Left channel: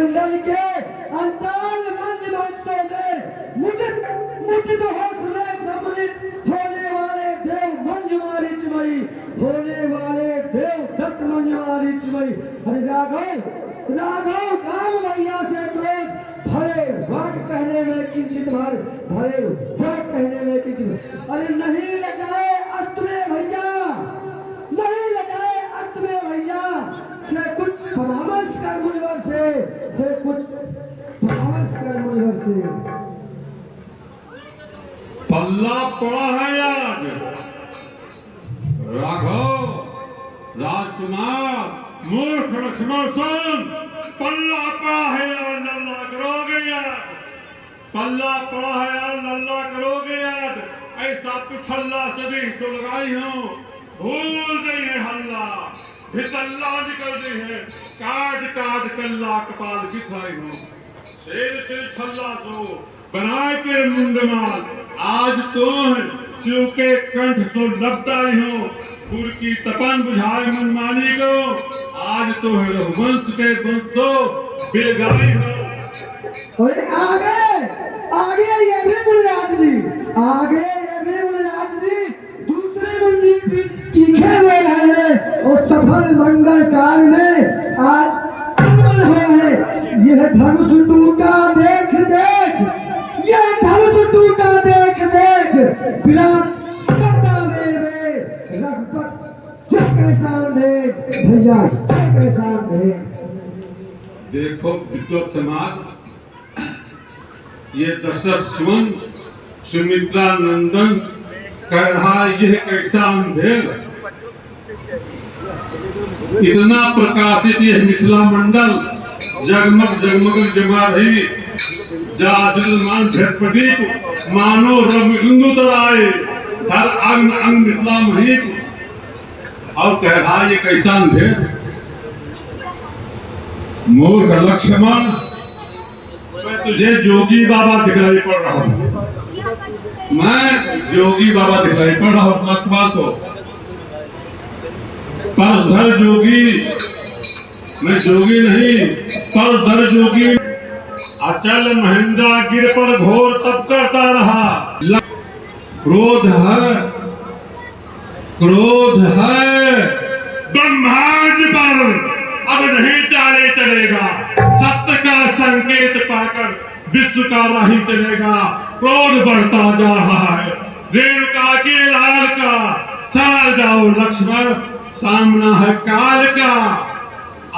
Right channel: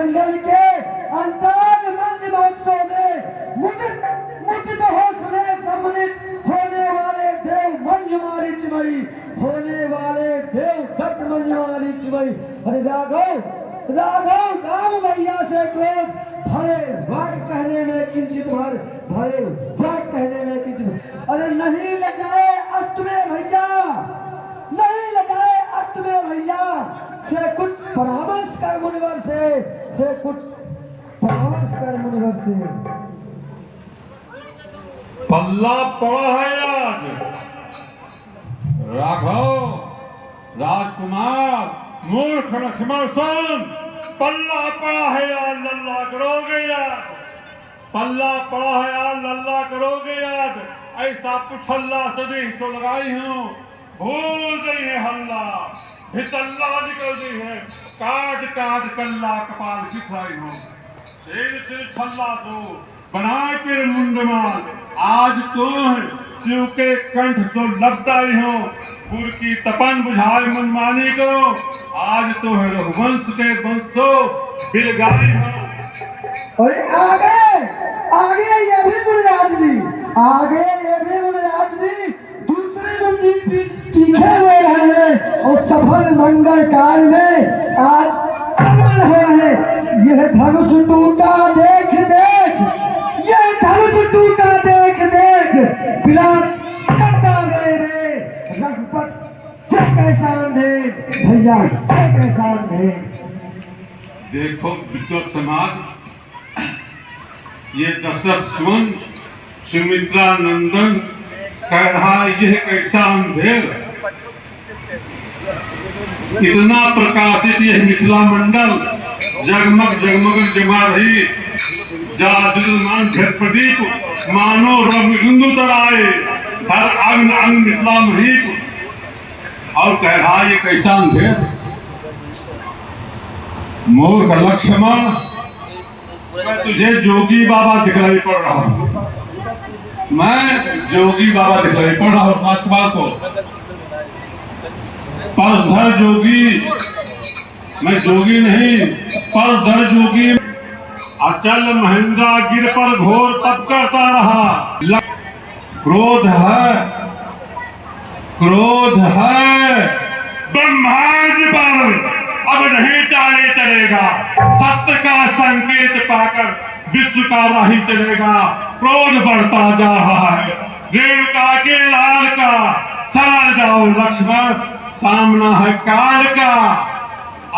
मंडल के अंताल मंच महोत्सव में मुझे हौसले सम्मिलित होने वाले देव मंजुमारी चिमई, होने वाले देव दत्त मंजुमारी चिमई। अरे राघव राम भैया से क्रोध भरे वाक्य कहने में किंचित भरे वाक्य कहने में किंचित। अरे नहीं लजाए अस्त में भैया, नहीं लजाए अस्त में भैया, से कुछ परामर्श कर मुनिवर से कुछ परामर्ष कर मुनिवर से। पल्ला पड़ा है आज राघव राजकुमार मूर्ख लक्ष्मण सन, पल्ला पड़ा है यार, लल्ला करोगे याद, पल्ला पड़ा है यार, लल्ला करोगे याद। ऐसा पिछल्ला सदी तो लगाई हूँ, भूल गई है हल्ला, भितल्ला निकल गई है, काट काट कल्ला कपाल बिखराई हूँ। शेर छल्ला तो बनाए के मुंडमाल, आज तो शिव के कंठ तो लपटाई हो, गुर की तपन बुझाए मनमानी करो, आज तो है रघुवंश के वंश तो बिलगाई हो। और आगे ये भी मुनिराज जी, आगे ये भी मुनिराज जी दूसरी मंजिल बीच तीखे हुए हैं और सफल मंगल कार्य में आज कर्मण हो रहे। यह धनुष टूटा देख देख, यह धनुष टूटा देख देख, विलाप करता मेरे रघुपत से कैसा अंधेर भैया, से कैसा अंधेर। देखो विद्वत समाज, ये दशरथ सुमन सुमित्रा नंदन कह रहा यह कैसा अंधेर, इतना प्रकाशित यह मिथिला मंडल, जगमग जगमग जमा रही, जला दिलमान भेद प्रदीप, मानो रंग बिंदु तराए, हर अंग अंग मिथिला महीप, और कह रहा ये कैसा अंधेर। मूर्ख लक्ष्मण, तुझे जोगी बाबा दिखलाई पड़ रहा हूँ, मैं जोगी बाबा दिखलाई पड़ रहा हूँ राजकुमार को। परधर जोगी, मैं जोगी नहीं, परधर जोगी। अचल महेंद्रा गिर पर घोर तप करता रहा, क्रोध है ब्रह्मांड पर अब नहीं टाले चलेगा, सत्य का संकेत पाकर विश्व का राही चलेगा। क्रोध बढ़ता जा रहा है, रेणुका के लाल का, समझ जाओ लक्ष्मण, सामना है काल का।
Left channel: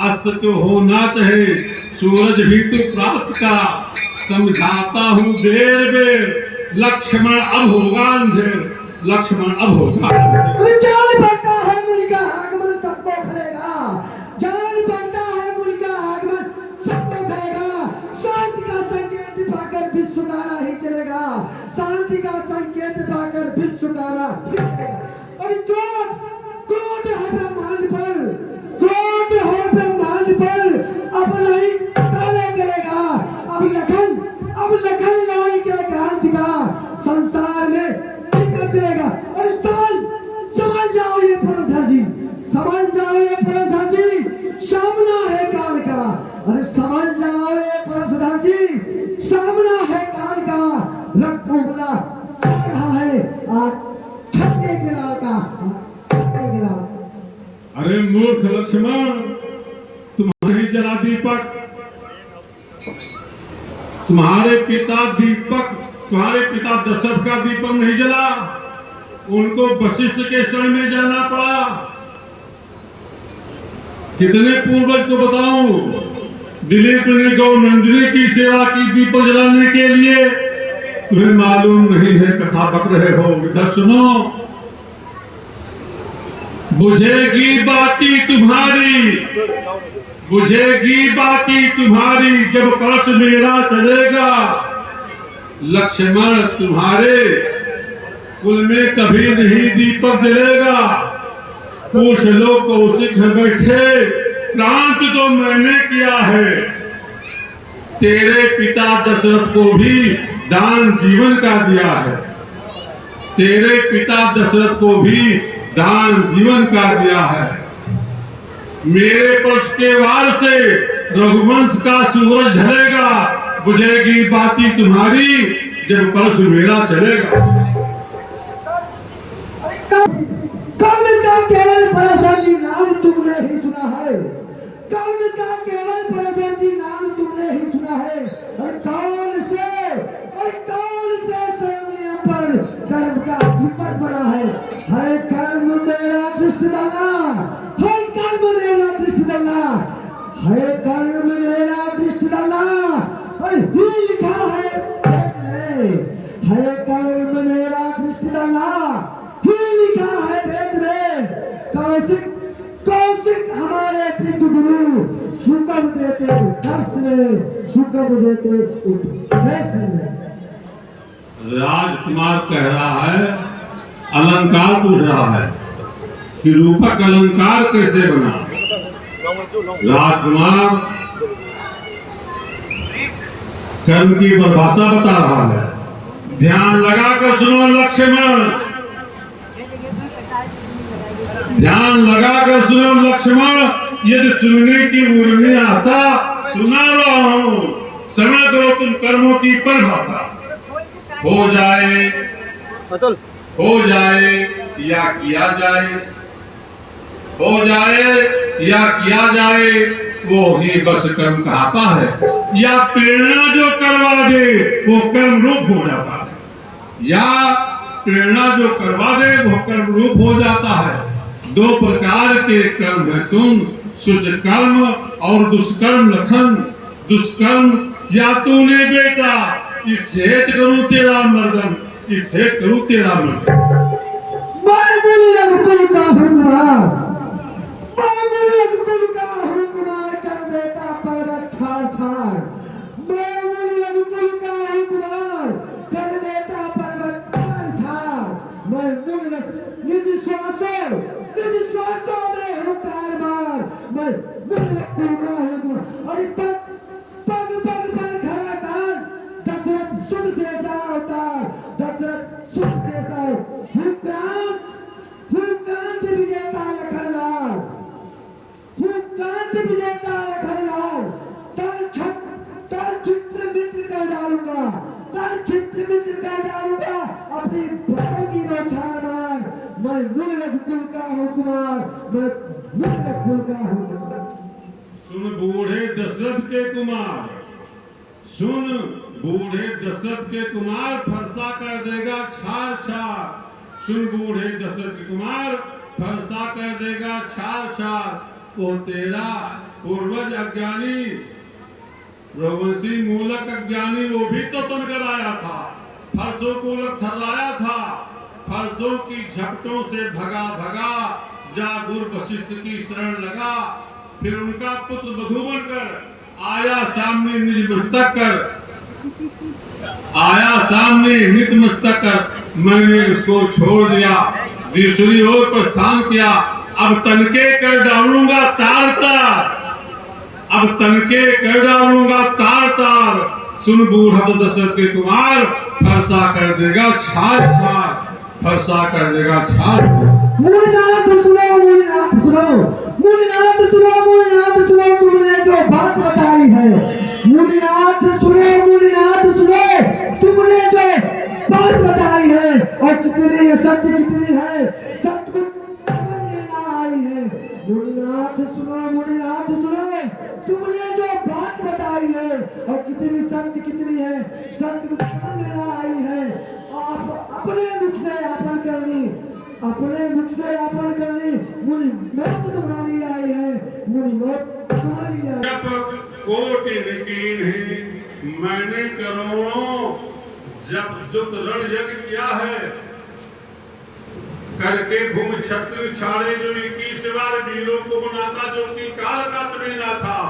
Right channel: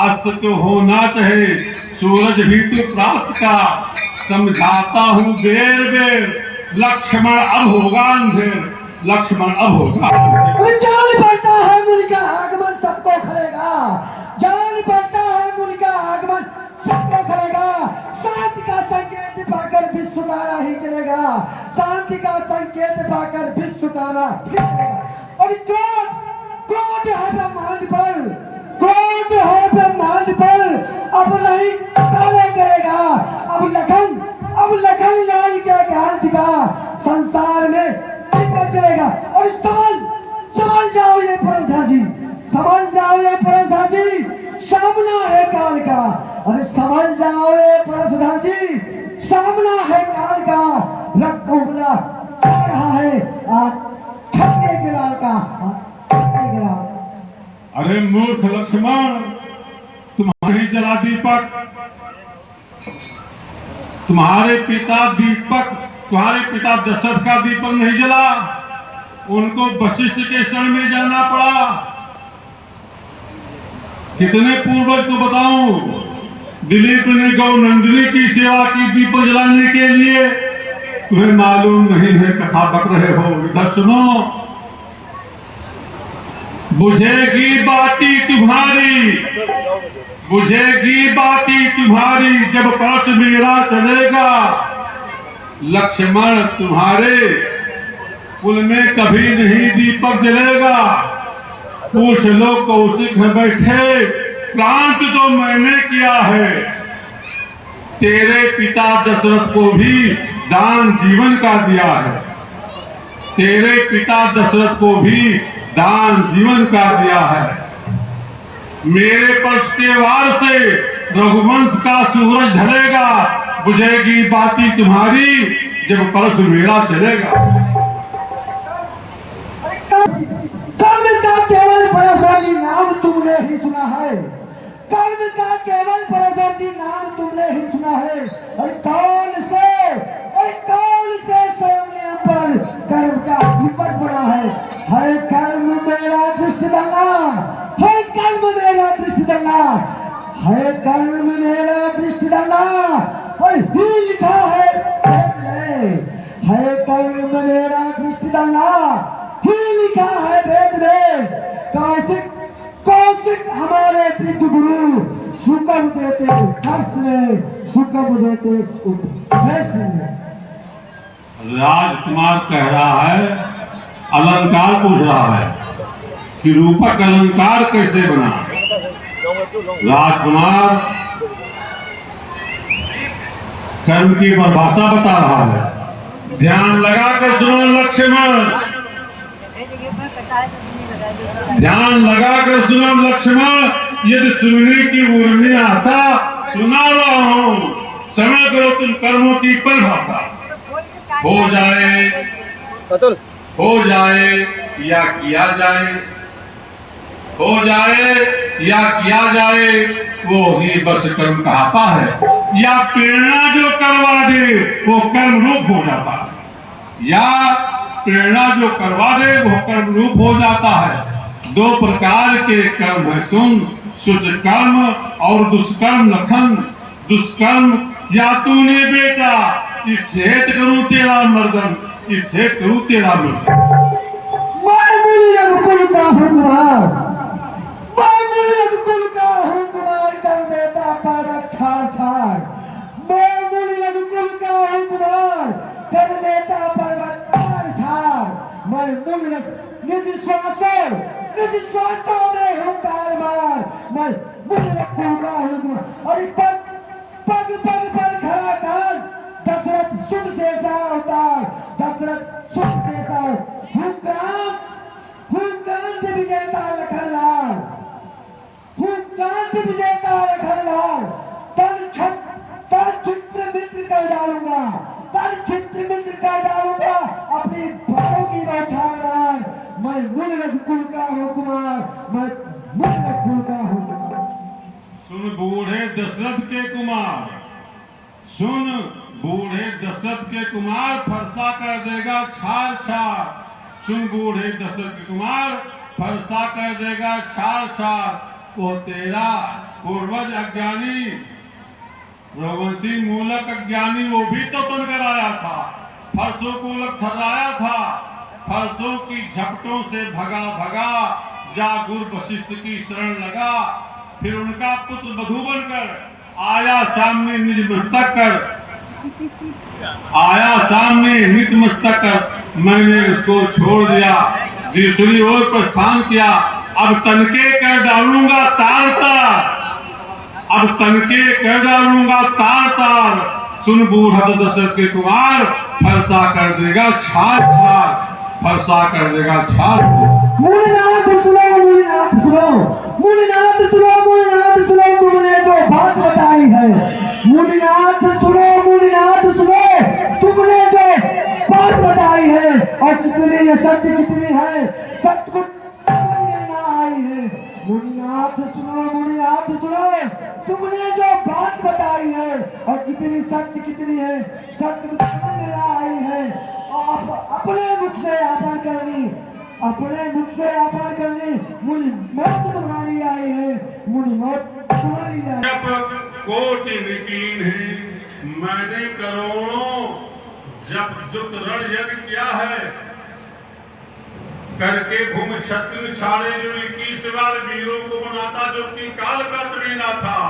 अस्त तो होना चाहिए, सूरज भी तो प्राप्त का, समझाता हूँ बेर बेर, लक्ष्मण अब होगा अंधेर, लक्ष्मण अब होगा। जान पड़ता है मुल्क का आगमन सबको खलेगा, जान पड़ता है मुल्क का आगमन सबको खलेगा। शांति का संकेत पाकर विश्व का राही चलेगा, शांति का संकेत पाकर विश्व का राही चलेगा। और क्रोध है ब्रह्मांड पर, क्रोध है ब्रह्मांड पर, अब नहीं टाले करेगा। अब लखन लाल के ज्ञान का संसार में चलेगा। और समझ जाओ ये परधर जी, समझ जाओ ये परधर जी, सामना है काल का। अरे समझ जाओ ये परधर जी, सामना है काल का। रक्त उबला जा रहा है आज छत्रे बिलाल का, छत्रे बिलाल। अरे मूर्ख लक्ष्मण, तुम्हारी जला दीपक, तुम्हारे पिता दशरथ का दीपक नहीं जला, उनको वशिष्ठ के शरण में जाना पड़ा। कितने पूर्वज को बताऊं, दिलीप ने गौ नंदिनी की सेवा की दीपक जलाने के लिए, तुम्हें मालूम नहीं है, कथा बक रहे हो। इधर सुनो, बुझेगी बाती तुम्हारी, बुझेगी बाती तुम्हारी, जब परस मेरा चलेगा। लक्ष्मण तुम्हारे कुल में कभी नहीं दीपक जलेगा। पूछ लो कौशिक बैठे, प्रांत तो मैंने किया है, तेरे पिता दशरथ को भी दान जीवन का दिया है, तेरे पिता दशरथ को भी दान जीवन का दिया है। मेरे पक्ष के वार से रघुवंश का सूरज ढलेगा, बुझेगी बाती तुम्हारी जब परस मेरा चलेगा। कर्म का केवल पराशर जी नाम तुमने ही सुना है, कर्म का केवल पराशर जी नाम तुमने ही सुना है। अरे कौन से स्वयं पर कर्म का विपट बना है कर्म मेरा दृष्टि डालना, है कर्म मेरा दृष्टि डालना, है कर्म मेरा दृष्टि डालना, और ही लिखा है वेद में, है कर्म मेरा दृष्टि डालना, ही लिखा है वेद में। कौशिक हमारे विद्य गुरु सुकम देते दर्श में, सुकम देते उपदेश में। राजकुमार कह रहा है, अलंकार पूछ रहा है कि रूपक अलंकार कैसे बना। राजकुमार कर्म की परिभाषा बता रहा है, ध्यान लगाकर सुनो लक्ष्मण, ध्यान लगाकर सुनो लक्ष्मण, यदि सुनने की उर्मी आशा सुना रहा हूं, समय करो तुम कर्मों की परिभाषा। हो जाए या किया जाए, हो जाए या किया जाए, वो ही बस कर्म कहता है, या प्रेरणा जो करवा दे वो कर्म रूप हो जाता है, या प्रेरणा जो करवा दे वो कर्म रूप हो जाता है। दो प्रकार के कर्म है सुन, सुच कर्म और दुष्कर्म लखन। दुष्कर्म, या तूने बेटा इस हेत करूं तेरा मर्दन, इस हेत करूं तेरा मर्दन। मैं मुनि रघुकुल का हूँ कुमार, मैं मुनि रघुकुल का हूँ कुमार, कर देता पर्वत छाड़ छाड़। मैं मुनि रघुकुल का हूँ कुमार, कर देता पर्वत छाड़ छाड़। मैं मुनि निज श्वासों में हूँ कारमार, मैं मुनि रघुकुल का हूँ कुमार। अरे पग पर खड़ा काल, दशरथ सुध जैसा अवतार, दशरथ सुध जैसा हुक्कांत विजेता लखनलाल, हुक्कांत विजेता लखनलाल। तर चित्र मित्र कर डालूंगा, तर चित्र मित्र कर डालूंगा, अपनी बाहों की बौछार मार। मैं मुनि रघुकुल का हूँ कुमार, मैं मुनि रघुकुल का हूँ कुमार। सुन बूढ़े दशरथ के कुमार, सुन बूढ़े दशरथ के कुमार, फरसा कर देगा छार छार। सुन बूढ़े दशरथ के कुमार, फरसा कर देगा छार छार। वो तेरा पूर्वज अज्ञानी, रघुवंशी मूलक अज्ञानी, वो भी तो बनकर आया था, फरसों को लग थर्राया था, फरसों की झपटों से भगा भगा, जा गुरु वशिष्ठ की शरण लगा। फिर उनका पुत्र बधू बनकर आया सामने निज मस्तक कर, आया सामने नित मस्तक कर। मैंने इसको छोड़ दिया, दूसरी ओर प्रस्थान किया। अब तनके कर डालूंगा तार तार, अब तनके कर डालूंगा तार तार। सुन बूढ़ा दशरथ के कुमार, फरसा कर देगा छार छार, फरसा कर देगा छार। मुनिनाथ सुनो, मुनिनाथ सुनो, मुनिनाथ सुनो, मुनिनाथ सुनो, तुमने जो बात बताई है। मुनिनाथ सुनो, मुनिनाथ सुनो, तुमने जो बात बताई है, और कितनी ये सत्य कितनी है, सत्य कुछ समझ में ना आई है। मुनिनाथ सुनो, मुनिनाथ सुनो, तुमने जो बात बताई है, और कितनी सत्य कितनी है, सत्य कुछ समझ में ना आई है। और अपने मुख से आपन करनी, अपने मुख से आपन करनी, मुनि मौत तुम्हारी आई है, मुनि मौत तुम्हारी आई। जब कोटि निकीन है मैंने करोड़ों, जब दुत रण यज्ञ किया है, करके भूमि क्षत्रिय छाड़े जो 21 बार वीरों को बनाता, जो कि काल का तमीना था।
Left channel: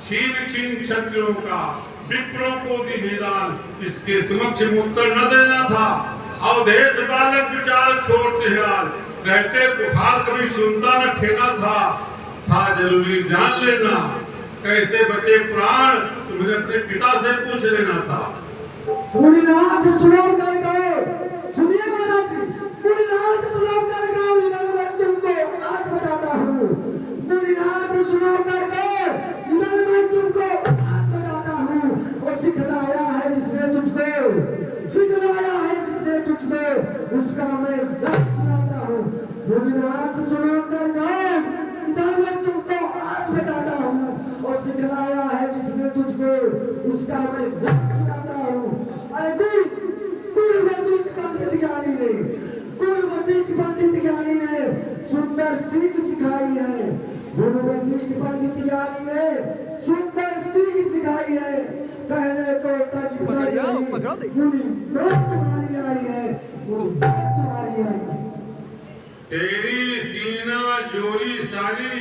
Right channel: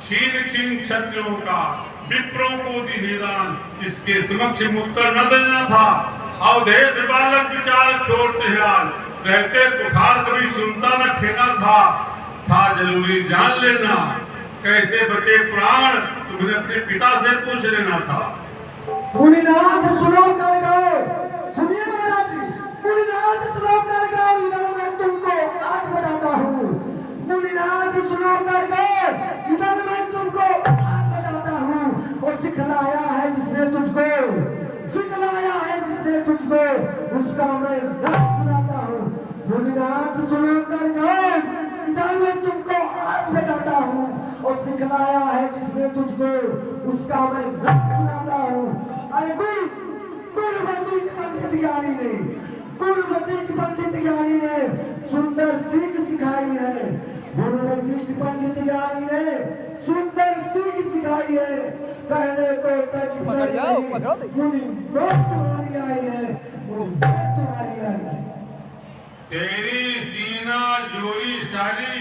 छीन छीन क्षत्रियों का विप्रों को दी निदान, इसके समक्ष उत्तर न देना था। अवधेश बालक विचार छोड़ते हाल, रहते कुठार कभी सुनता न ठेना था जरूरी जान लेना। कैसे बचे प्राण तुमने अपने पिता से पूछ लेना था। मुनिनाथ सुनो कर गो, सुनिए महाराज जी, मुनिनाथ सुनो कर गो, इधर मैं तुमको आज बताता हूँ। मुनिनाथ सुनो कर गो, इधर मैं मैं राग सुनाता हूँ। मुनिनाथ सुनो कर गए, इधर मैं तुमको आज बताता हूँ, और सिखलाया है जिसने तुझको उसका मैं राग सुनाता हूँ। अरे गुरु वशिष्ठ पंडित ज्ञानी ने, गुरु वशिष्ठ पंडित ज्ञानी ने सुंदर सीख सिखाई है। गुरु वशिष्ठ पंडित ज्ञानी ने सुंदर सीख सिखाई है। कहने को तक मुनि बहुत तुम्हारी आई है, मुनि बहुत तुम्हारी आई है। तेरी सीना जोड़ी सारी,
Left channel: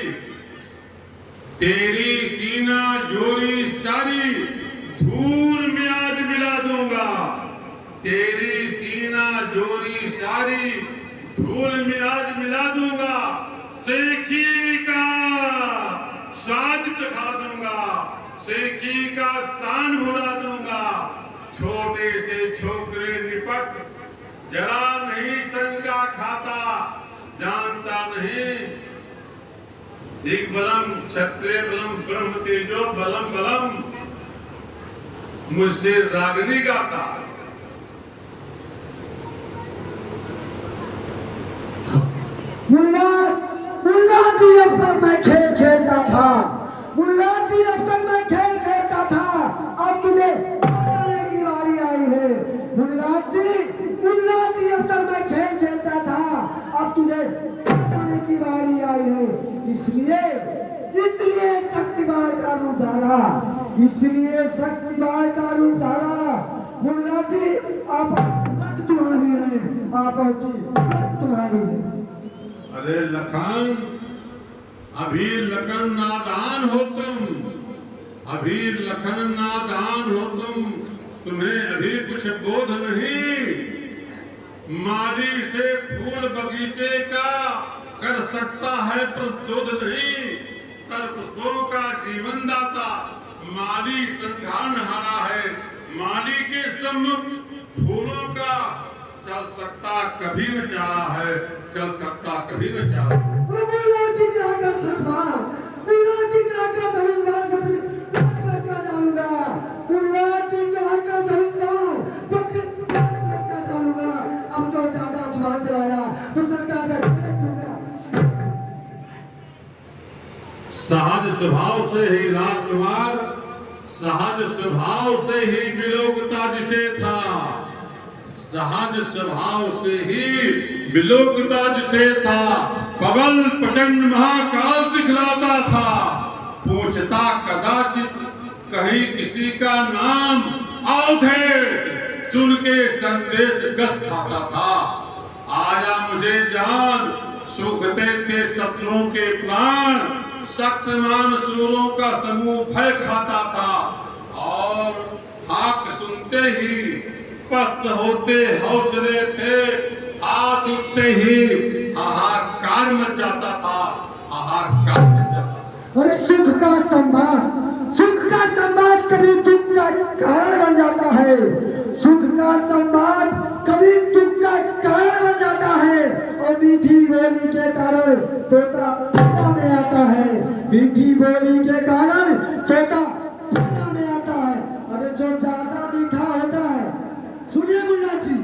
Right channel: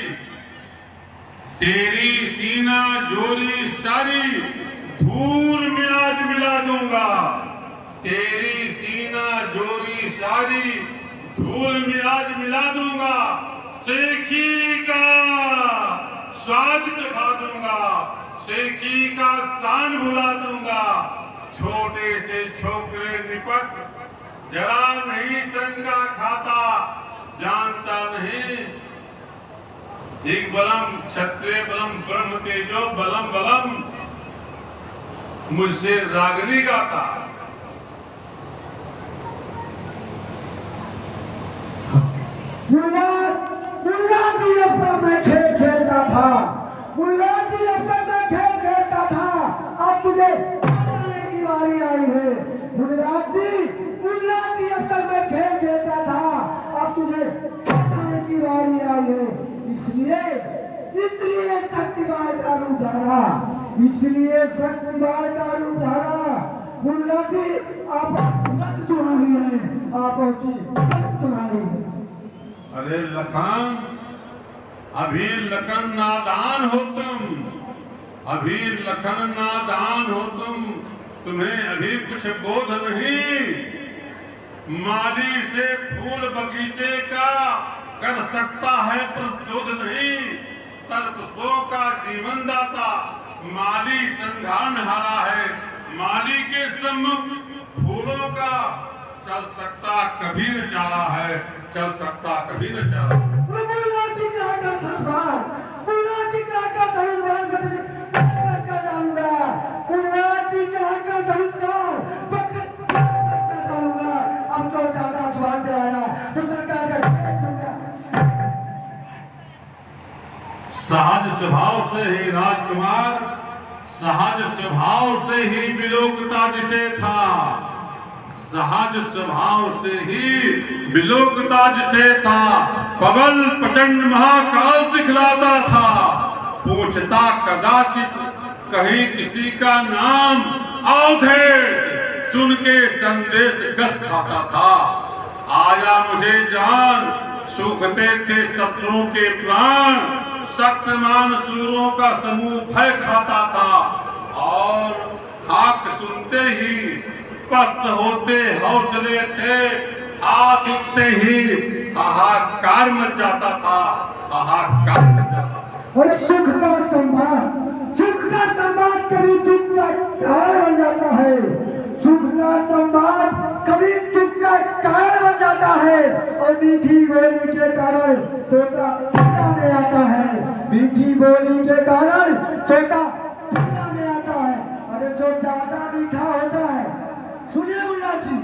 तेरी सीना जोड़ी सारी धूल में आज मिला दूंगा। तेरी सीना जोड़ी सारी धूल में आज मिला दूंगा। सेखी का स्वाद चखा दूंगा, सेखी का शान भुला दूंगा। छोटे से छोकरे निपट जरा नहीं शंका खाता, जानता नहीं एक बलम क्षत्रिय बलम ब्रह्म तेजो बलम बलम मुझसे रागनी गाता। मुल्ला जी अब तक मैं खेल खेलता था, मुल्ला जी अब तक मैं खेल खेलता था, अब मुझे बनाने की बारी आई है। मुल्ला जी अब तक मैं खेल खेलता था, अब तुझे बनाने की बारी आई है। इसलिए शक्तिमान का रूप धारा, इसलिए शक्तिमान का रूप धारा। मुल्ला जी आप तुम्हारी है, आप तुम्हारी है। अरे लखन, अभी लखन नादान हो तुम, अभी लखन नादान हो तुम, तुम्हें अभी कुछ बोध नहीं। माली से फूल बगीचे का कर सकता है प्रशोध नहीं। तलपुष्पों का जीवन दाता माली संघान हारा है। माली के सम्मुख फूलों का चल सकता कभी न चारा है, चल सकता कभी न चारा। मुल्ला जी जाकर संसार, मुल्ला जी जाकर धनुष्वार बच डालूंगा, मुल्ला जी जाकर धनुष्वार बच डालूंगा। अब तो ज्यादा जुबान चलाया तो सरकार का भेद दूंगा। सहज स्वभाव से ही राजकुमार, सहज स्वभाव से ही विलोकता जिसे था, सहज स्वभाव से ही विलोकता जिसे था। पवन प्रचंड महाकाल दिखलाता था, पूछता कदाचित कहीं किसी का नाम, अवधेश सुन के संदेश गस खाता था। आया मुझे जान, सूखते थे शत्रुओं के प्राण, शक्तिमान सूरों का समूह भय खाता था। और हाक सुनते ही पस्त होते हौसले थे, हाथ उठते ही हाहाकार मच जाता था, हाहाकार मच जाता था। अरे सुख का संवाद कभी दुख का कारण बन जाता है, सुख का संवाद कभी दुख का कारण बन जाता है। और मीठी बोली के कारण तोता दुनिया में आता है, मीठी बोली के कारण तोता दुनिया में आता है। अरे जो ज्यादा मीठा होता है, सुनिए मुल्ला जी,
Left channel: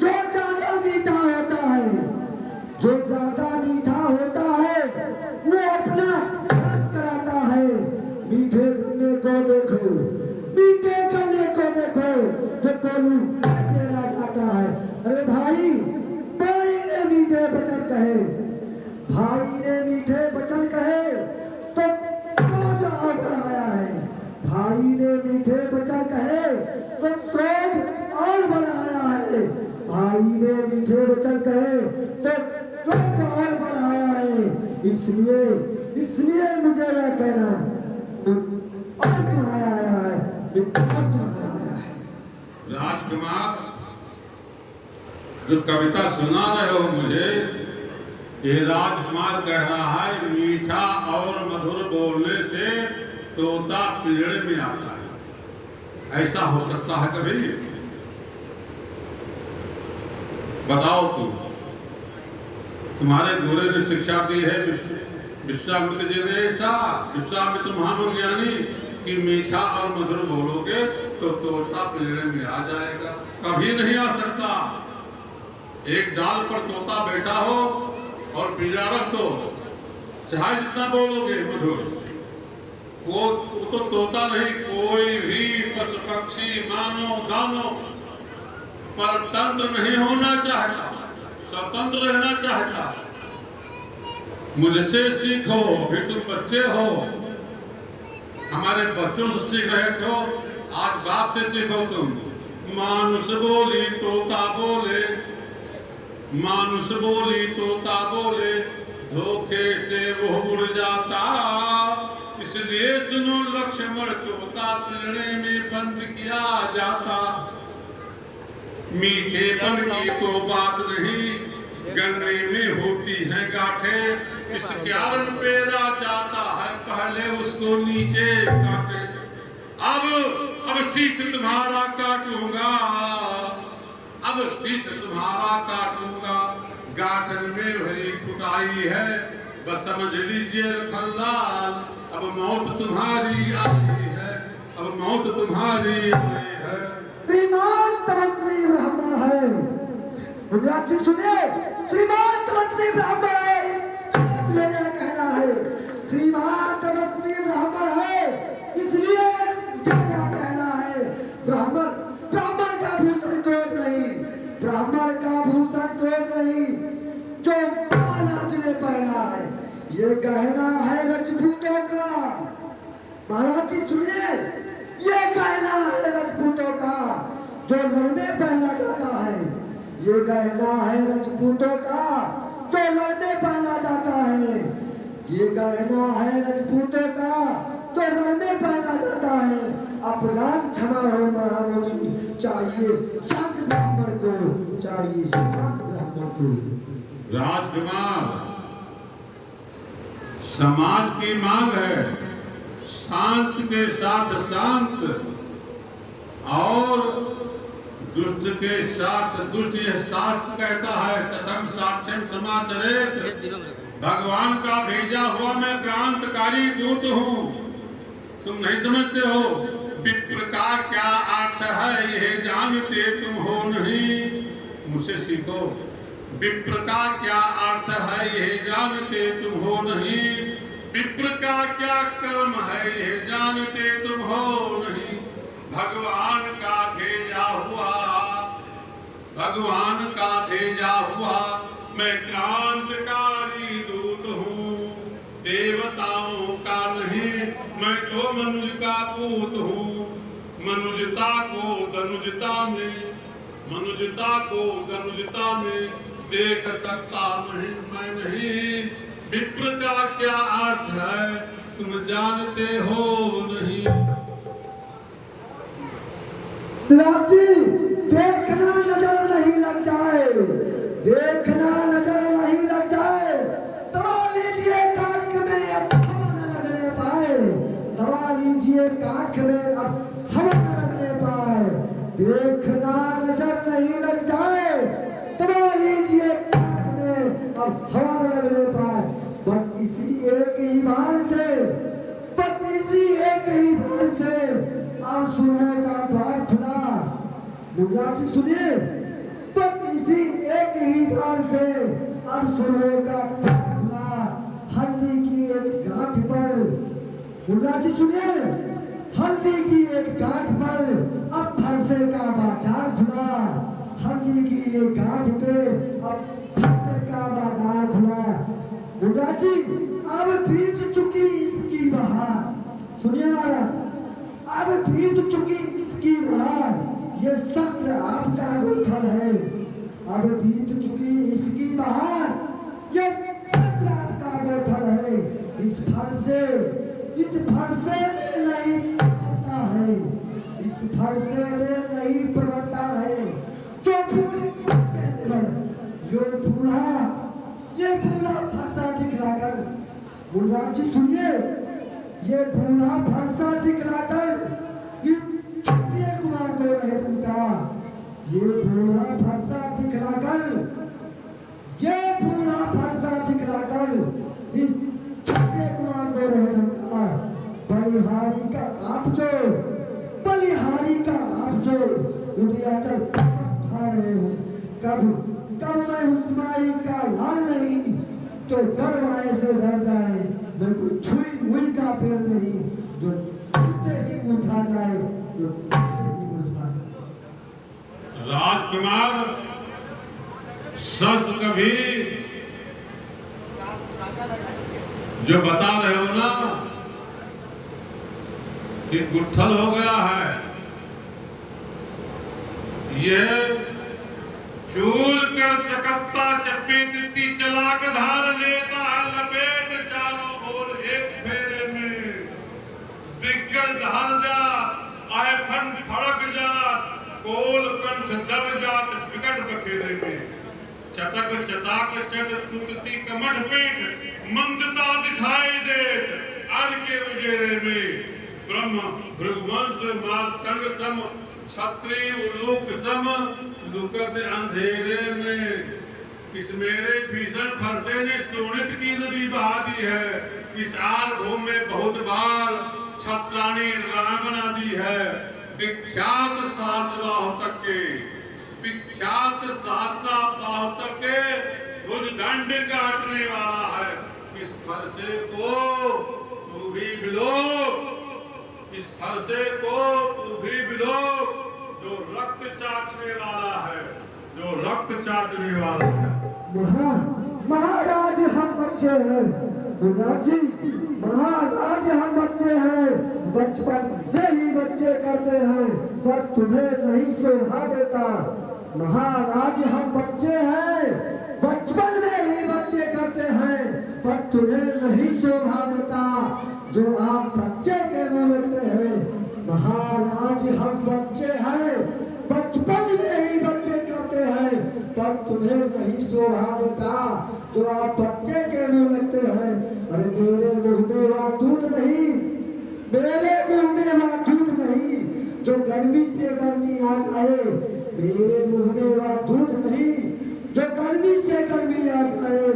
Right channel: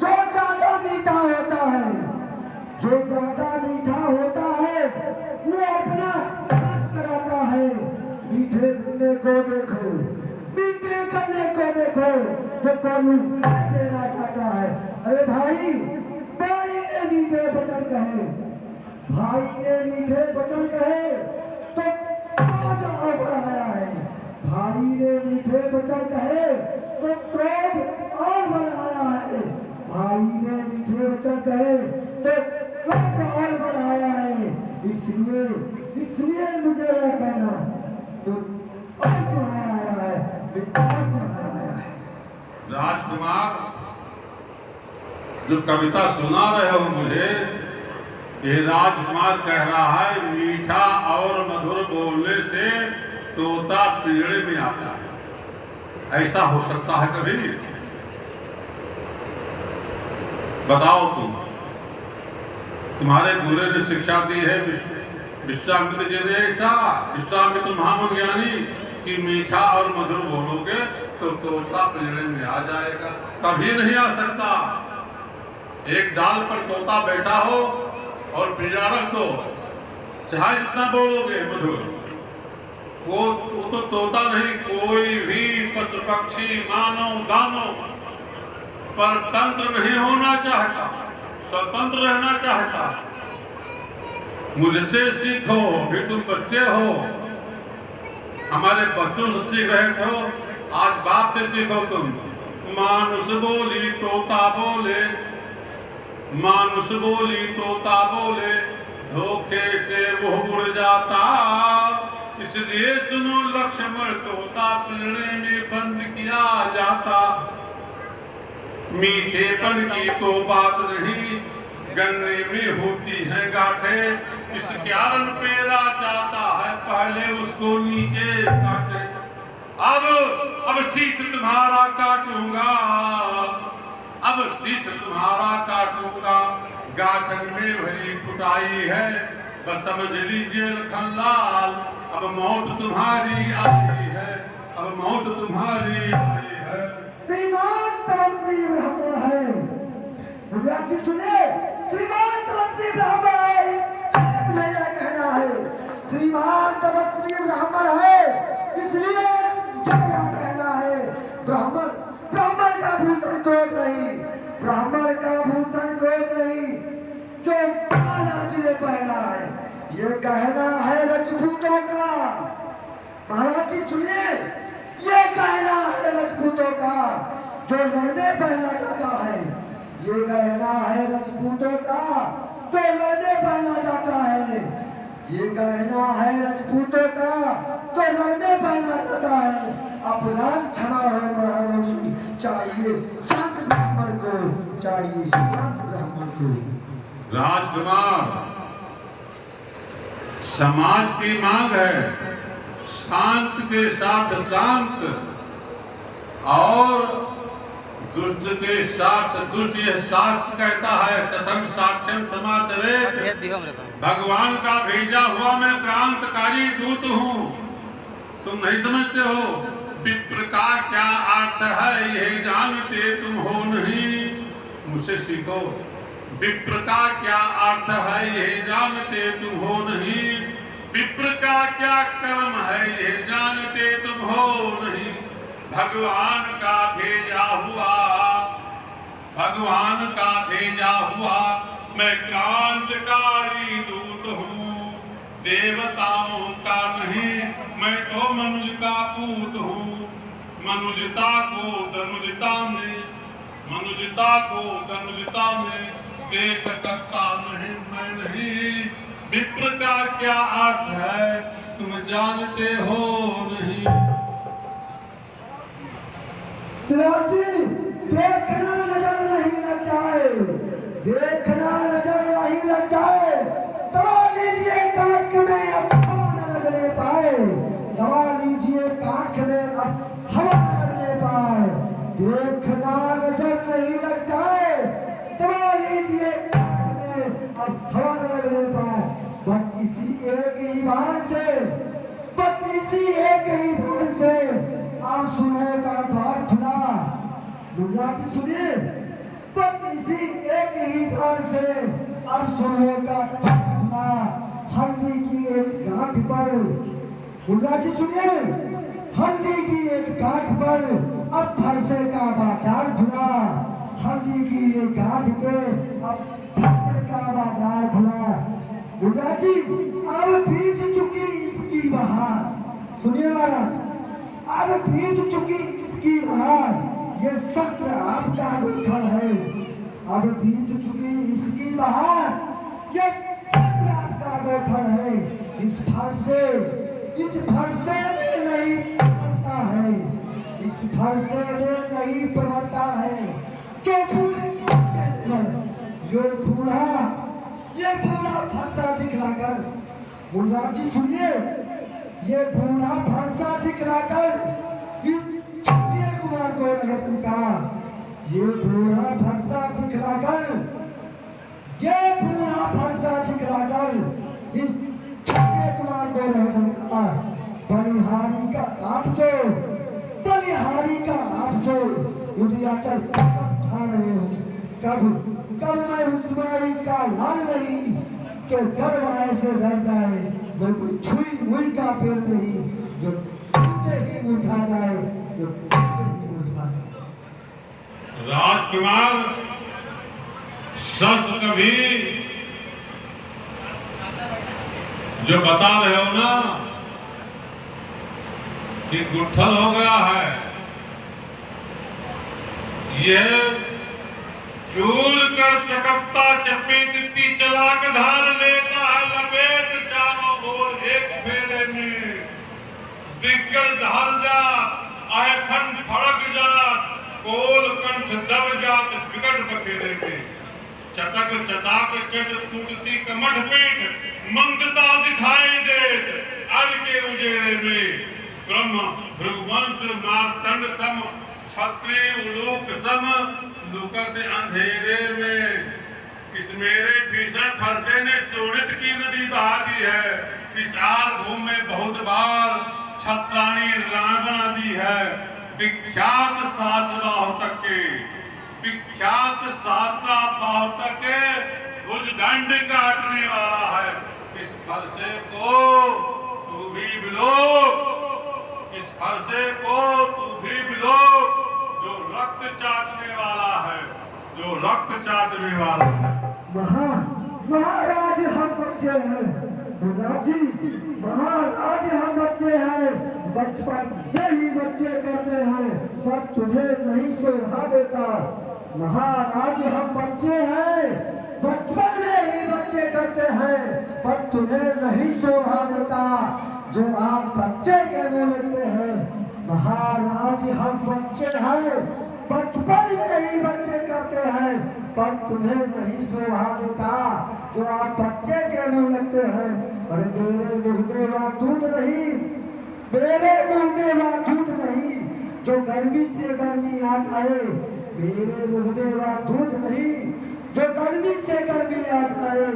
जो ज्यादा मीठा होता है, जो ज्यादा मीठा होता है वो अपना रस कराता है। मीठे करने को देखो, मीठे करने को देखो, जो कोलू देना चाहता है। अरे भाई ने मीठे वचन कहे, भाई ने मीठे वचन कहे तो क्रोध और बढ़ाया है। भाई ने मीठे वचन कहे तो क्रोध और बढ़ाया है। भाई ने मीठे वचन कहे तो क्रोध और बढ़ाया है। इसलिए मुझे यह कहना और बढ़ाया है, राजकुमार जो कविता सुना रहे हो मुझे, ये राजकुमार कह रहा है मीठा और मधुर बोलने से तोता पिंजड़े में आता है। ऐसा हो सकता है कभी? बताओ तुम्हारे गुरु ने शिक्षा दी है विश्वामित्र जी ने, ऐसा विश्वामित्र महामुनि ज्ञानी कि मीठा और मधुर बोलोगे तो तोता पिंजड़े में आ जाएगा। कभी नहीं आ सकता। एक डाल पर तोता बैठा हो और पिंजरा रख दो, चाहे जितना बोलोगे मधुर, वो तो तोता नहीं, कोई भी पशु पक्षी मानव दानव परतंत्र नहीं होना चाहता, स्वतंत्र रहना चाहता। मुझसे सीखो, भी तुम बच्चे हो, हमारे बच्चों से सीख रहे थे, आज बाप से सीखो तुम। मानुष बोली तोता बोले, मानुष बोली तोता बोले, धोखे से वो उड़ जाता, इसलिए सुनो लक्ष्मण, तोता पिंजरे में बंद किया जाता। मीठेपन की तो बात नहीं, गन्ने में होती है गांठें, इस कारण पेरा जाता है, पहले उसको नीचे काटे। अब शीश तुम्हारा काटूंगा, अब शीश तुम्हारा काटूंगा, गाठन में भरी कुटाई है, बस समझ लीजिए लखनलाल, अब मौत तुम्हारी आई है, अब मौत तुम्हारी आई है। श्रीमान तपस्वी ब्राह्मण है, मुझे सुने, श्रीमान तपस्वी ब्राह्मण है, मुझे यह कहना है, श्रीमान तपस्वी ब्राह्मण है, इसलिए मुझे यह कहना है, ब्राह्मण का भूषण क्रोध नहीं, ब्राह्मण का भूषण क्रोध नहीं, जो महाराज ने पहना है, ये कहना है राजपूतों का। महाराज जी सुनिए, ये कहना है राजपूतों का, जो लड़ने पहना जाता है, ये कहना है राजपूतों का, जो लड़ने पहना जाता है, ये कहना है राजपूतों का, जो लड़ने पहना जाता है। अपराध क्षमा हो महारानी, चाहिए संत ब्राह्मण को, चाहिए संत ब्राह्मण को। राजकुमार, समाज की मांग है शांत के साथ शांत और दुष्ट के साथ दुष्ट। यह शास्त्र कहता है, सतम साक्ष्यम समाचरेत, भगवान का भेजा हुआ मैं क्रांतिकारी दूत हूँ। तुम नहीं समझते हो विप्र का क्या अर्थ है, यह जानते तुम हो नहीं, मुझसे सीखो। विप्र का क्या अर्थ है, यह जानते तुम हो नहीं, विप्र का क्या कर्म है, यह जानते तुम हो नहीं। भगवान का भेजा हुआ, भगवान का भेजा हुआ मैं क्रांतिकारी दूत हूँ, देवताओं का नहीं, मैं तो मनुज का पूत हूँ। मनुजता को धनुजता में, मनुजता को धनुजता में देख सकता नहीं मैं नहीं। विप्र का क्या अर्थ है तुम जानते हो नहीं। राजी, देखना नजर नहीं लग जाए, देखना नजर नहीं लग जाए, दबा लीजिए काख में अब हवा न लगने पाए, दबा लीजिए काख में अब हवा न लगने पाए। देखना नजर नहीं लग जाए, दबा लीजिए काख में अब हवा न लगने पाए। बस इसी एक ही बार से, बस इसी एक ही बार से अब सुनने का द्वार खुला। मुन्नाजी सुनिए, बस इसी एक ही बार से अब सुनने का द्वार खुला। हल्दी की एक गांठ पर, मुन्नाजी सुनिए, हल्दी की एक गांठ पर अब फरसे का बाजार खुला। हल्दी की एक गांठ पे अब फरसे का बाजार खुला। मुन्नाजी, अब बीत चुकी इसकी बहार, सुनिए महाराज, अब बीत चुकी इसकी बहार, ये सत्र आपका गोठन है। अब बीत चुकी इसकी बहार, ये सत्र आपका गोठन है। इस फरसे में नहीं प्रबलता है, इस फरसे में नहीं प्रबलता है। जो ये बूढ़ा फरसा दिखलाकर, मुन्नाजी सुनिए, ये बूढ़ा फरसा दिखलाकर इस क्षत्रिय कुमार को रहे तुमका, ये बूढ़ा फरसा दिखलाकर, ये बूढ़ा फरसा दिखलाकर इस क्षत्रिय कुमार को रहे तुमका। बलिहारी का आपजो, बलिहारी का आपजो उदयाचल उठा रहे हो, कब कब मैं उस माई का लाल नहीं जो डरवाए से डर जाए, मैं कोई छुई हुई का पेड़ नहीं जो छूते ही मुरझा जाए, जो छूते ही मुरझा जाए। राजकुमार, शब्द कभी जो बता रहे हो ना कि गुट्ठल हो गया है, यह चूल कर चकपता चपेटती चलाक धार लेता है लपेट चारों ओर एक फेरे में। दिग्गज ढल जा आए फन फड़क जा, कोल कंठ दब जात विकट बखेरे में। चटक चटाक चट टूटती कमठ पीठ मंदता दिखाई देत अन के उजेरे में। ब्रह्म भृगुवंश मार्तंड सम क्षत्रिय उलूक सम लुकत अंधेरे में। इस मेरे भीषण फरसे ने शोणित की नदी बहा दी है। इस आर भूमि में बहुत बार छत्राणी राण बना दी है। विख्यात सात बाहों तक के, विख्यात सात बाहों तक के भुज दंड काटने वाला है। इस फरसे को तू भी बिलो, इस फरसे को तू भी बिलो, जो रक्त चाटने वाला है, जो रक्त चाटने वाला है। महाराज हम बच्चे हैं, युवराज जी महाराज हम बच्चे हैं, बचपन में ही बच्चे करते हैं पर तुम्हें नहीं शोभा देता। महाराज हम बच्चे हैं, बचपन में ही बच्चे करते हैं पर तुम्हें नहीं शोभा देता। जो आप बच्चे के मुंह लगते हैं। महाराज हम बच्चे हैं, बचपन में ही बच्चे करते हैं पर तुम्हें नहीं शोभा देता। जो आप बच्चे के मुंह लगते हैं। अरे मेरे मुंह में वह दूध नहीं, मेरे मुंह में वह दूध नहीं जो गर्मी से गर्मी आ जाए। मेरे मुंह में वह दूध नहीं जो गर्मी से गर्मी आ जाए।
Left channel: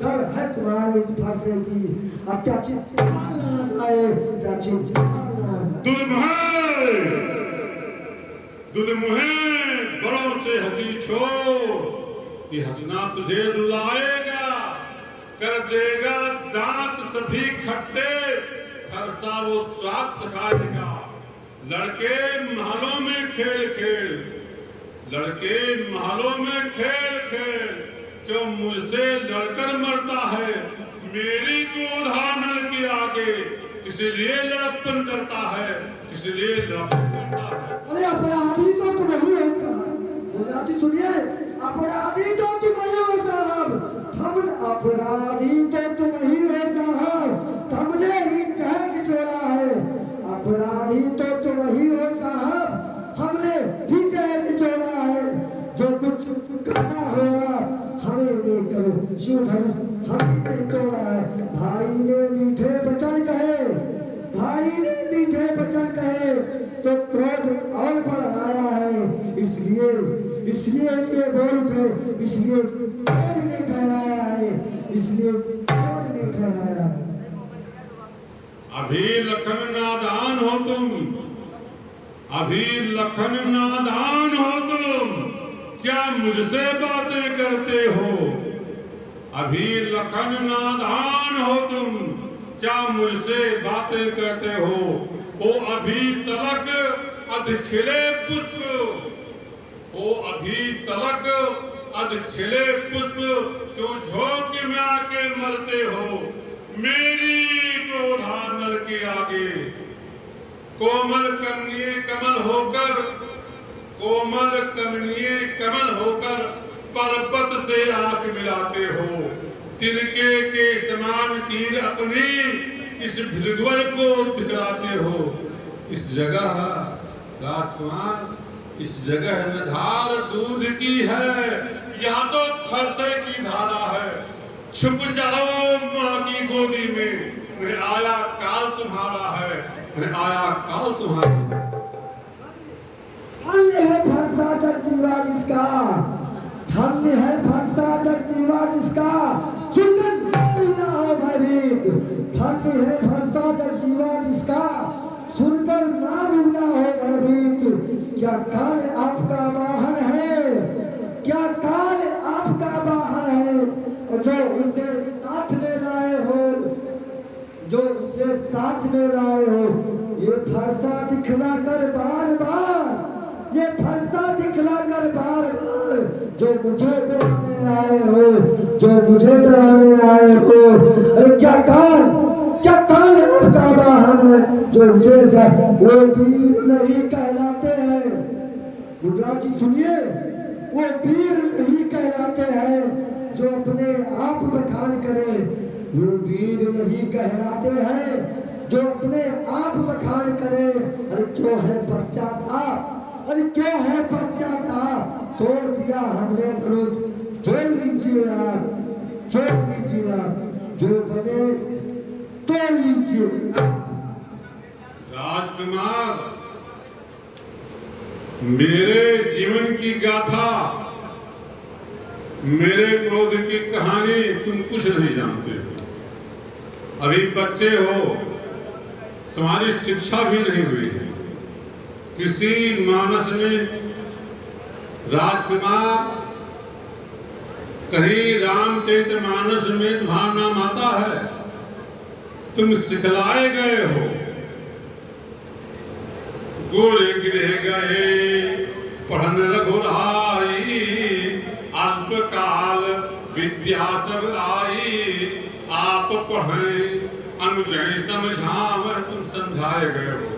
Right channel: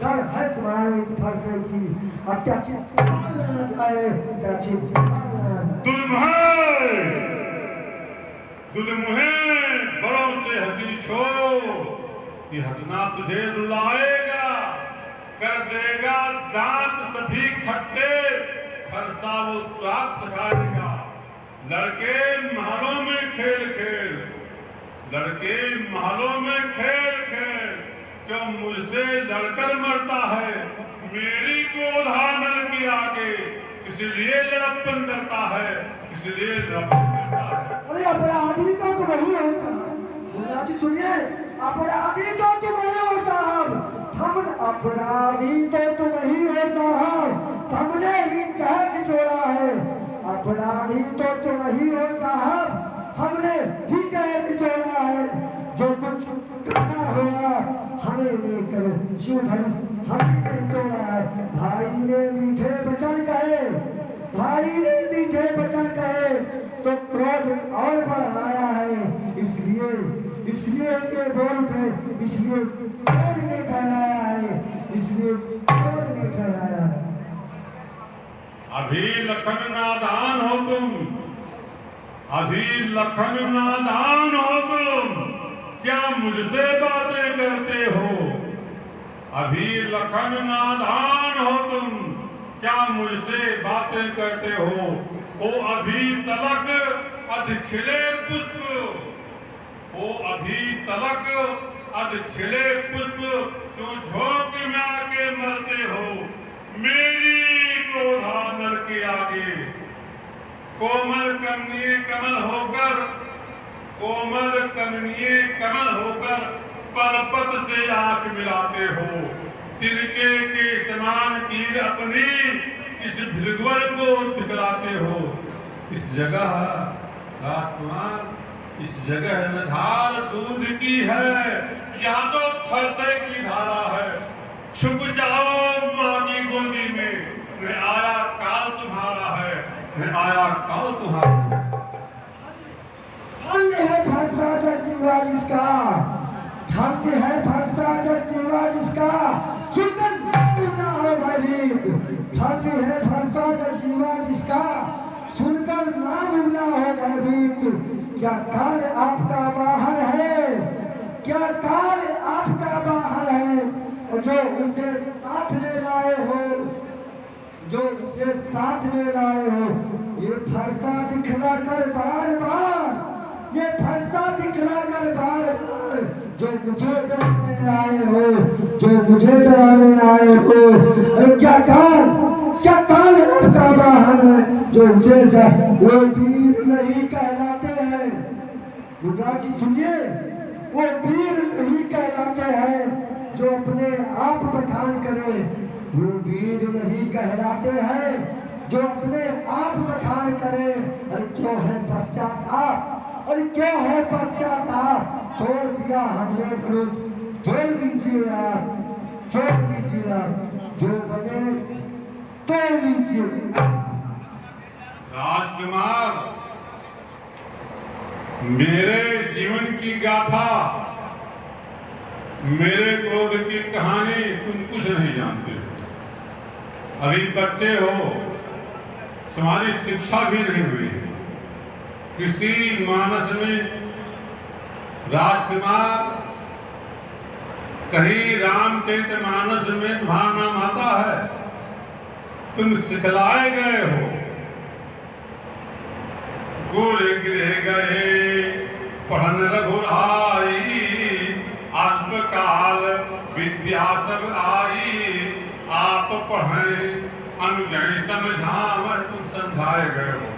डर है तुम्हारे इस फरसे की अत्याचित आ जाए, अत्याचित दुलमुहे बड़ों से हंसी छोड़, ये हंसना तुझे रुलाएगा, कर देगा दांत सभी खट्टे, फरसा वो स्वाद खाएगा। लड़के महलों में खेल खेल, लड़के महलों में खेल खेल, क्यों मुझसे लड़कर मरता है। मेरी क्रोधा नल के आगे इसलिए लड़प्पन करता है, इसलिए लड़प्पन करता है। अरे अपराधी तो तुम ही हो साहब, जी सुनिए, अपराधी तो तुम ही हो साहब, हम अपराधी तो तुम ही हो साहब, हमने ही चहल निचोड़ा है। अपराधी तो तुम ही हो साहब, हमने ही चहल निचोड़ा है। जो कुछ करना हुआ हमें लेकर शिव धनुष हमने नहीं तोड़ा है। भाई ने मीठे वचन कहे, भाई ने मीठे वचन कहे तो क्रोध और बढ़ाया है। इसलिए ये बोल उठे, इसलिए चोर ने ठहराया है, इसलिए चोर ने ठहराया है। अभी लखन नादान हो तुम, अभी लखन नादान हो तुम, क्या मुझसे बातें करते हो। अभी लखन नादान हो तुम, क्या मुझसे बातें करते हो। ओ अभी तलक अध खिले पुष्प, ओ अभी तलक अध खिले पुष्प, क्यों झोंक में आके मरते हो। मेरी क्रोधा नल के आगे कोमल कमनीय कमल होकर, कोमल कमनीय कमल होकर पर्वत से आंख मिलाते हो। तिनके के समान तीर अपनी इस भृगुवर को दिखलाते हो। इस जगह राजकुमार, इस जगह न धार दूध की है, यहाँ तो फरसे की धारा है। छुप जाओ माँ की गोदी में, मैं आया काल तुम्हारा है, मैं आया काल तुम्हारा है। धन्य है फरसा जग जीवा जिसका, धन्य है फरसा जग जीवा जिसका, सुनकर ना हो भयभीत। धन्य है फरसा जग जीवा जिसका, सुनकर नाम हो भयभीत। क्या काल आपका वाहन है, क्या काल जो उसे साथ में लाए हो, जो उसे साथ में लाए हो, ये फरसा दिखला कर बार बार, ये फरसा दिखला कर बार बार, जो मुझे डराने आए हो, जो मुझे डराने आए हो। अरे क्या काल है आपका वाहन है, जो मुझे वो वीर नहीं कहलाते हैं। मुद्रा जी सुनिए, वो वीर नहीं कहलाते हैं जो अपने आप बखान करे, वो वीर नहीं कहलाते हैं जो अपने आप बखान करे। अरे क्यों है पश्चाताप, अरे क्यों है पश्चाताप, तोड़ दिया हमने विरोध, जोड़ लीजिए आप, जोड़ लीजिए आप, जो बने तोड़ लीजिए। राजकुमार, मेरे जीवन की गाथा, मेरे क्रोध की कहानी तुम कुछ नहीं जानते हो। अभी बच्चे हो, तुम्हारी शिक्षा भी नहीं हुई है। किसी मानस में राजकुमार, कहीं रामचरितमानस में तुम्हारा नाम आता है, तुम सिखलाए गए हो। गुर गृह गए पढ़न रघुराई, अल्पकाल विद्या सब आई, आप पढ़ें अनुजय समझाव, तुम समझाए गए हो।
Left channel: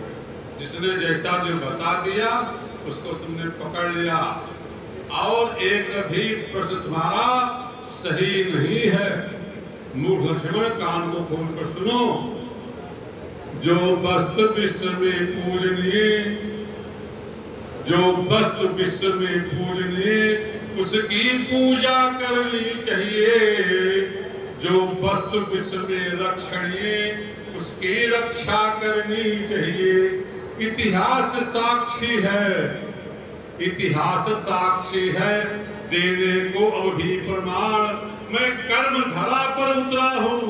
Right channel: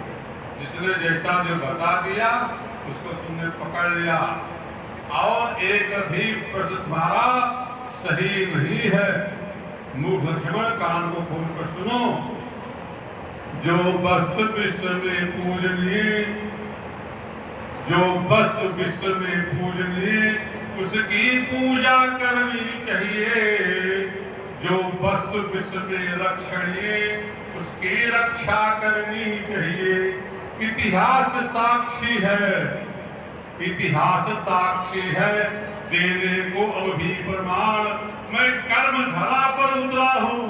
जिसने जैसा जो बता दिया उसको तुमने पकड़ लिया, और एक भी प्रश्न तुम्हारा सही नहीं है। मूर्ख लक्ष्मण, कान को खोल कर सुनो। जो वस्तु विश्व में पूजनीय, जो वस्तु विश्व में पूजनीय, उसकी पूजा करनी चाहिए। जो वस्तु विश्व में रक्षणीय, उसकी रक्षा करनी चाहिए। इतिहास साक्षी है, इतिहास साक्षी है, देने को अब भी प्रमाण। मैं कर्म धरा पर उतरा हूँ,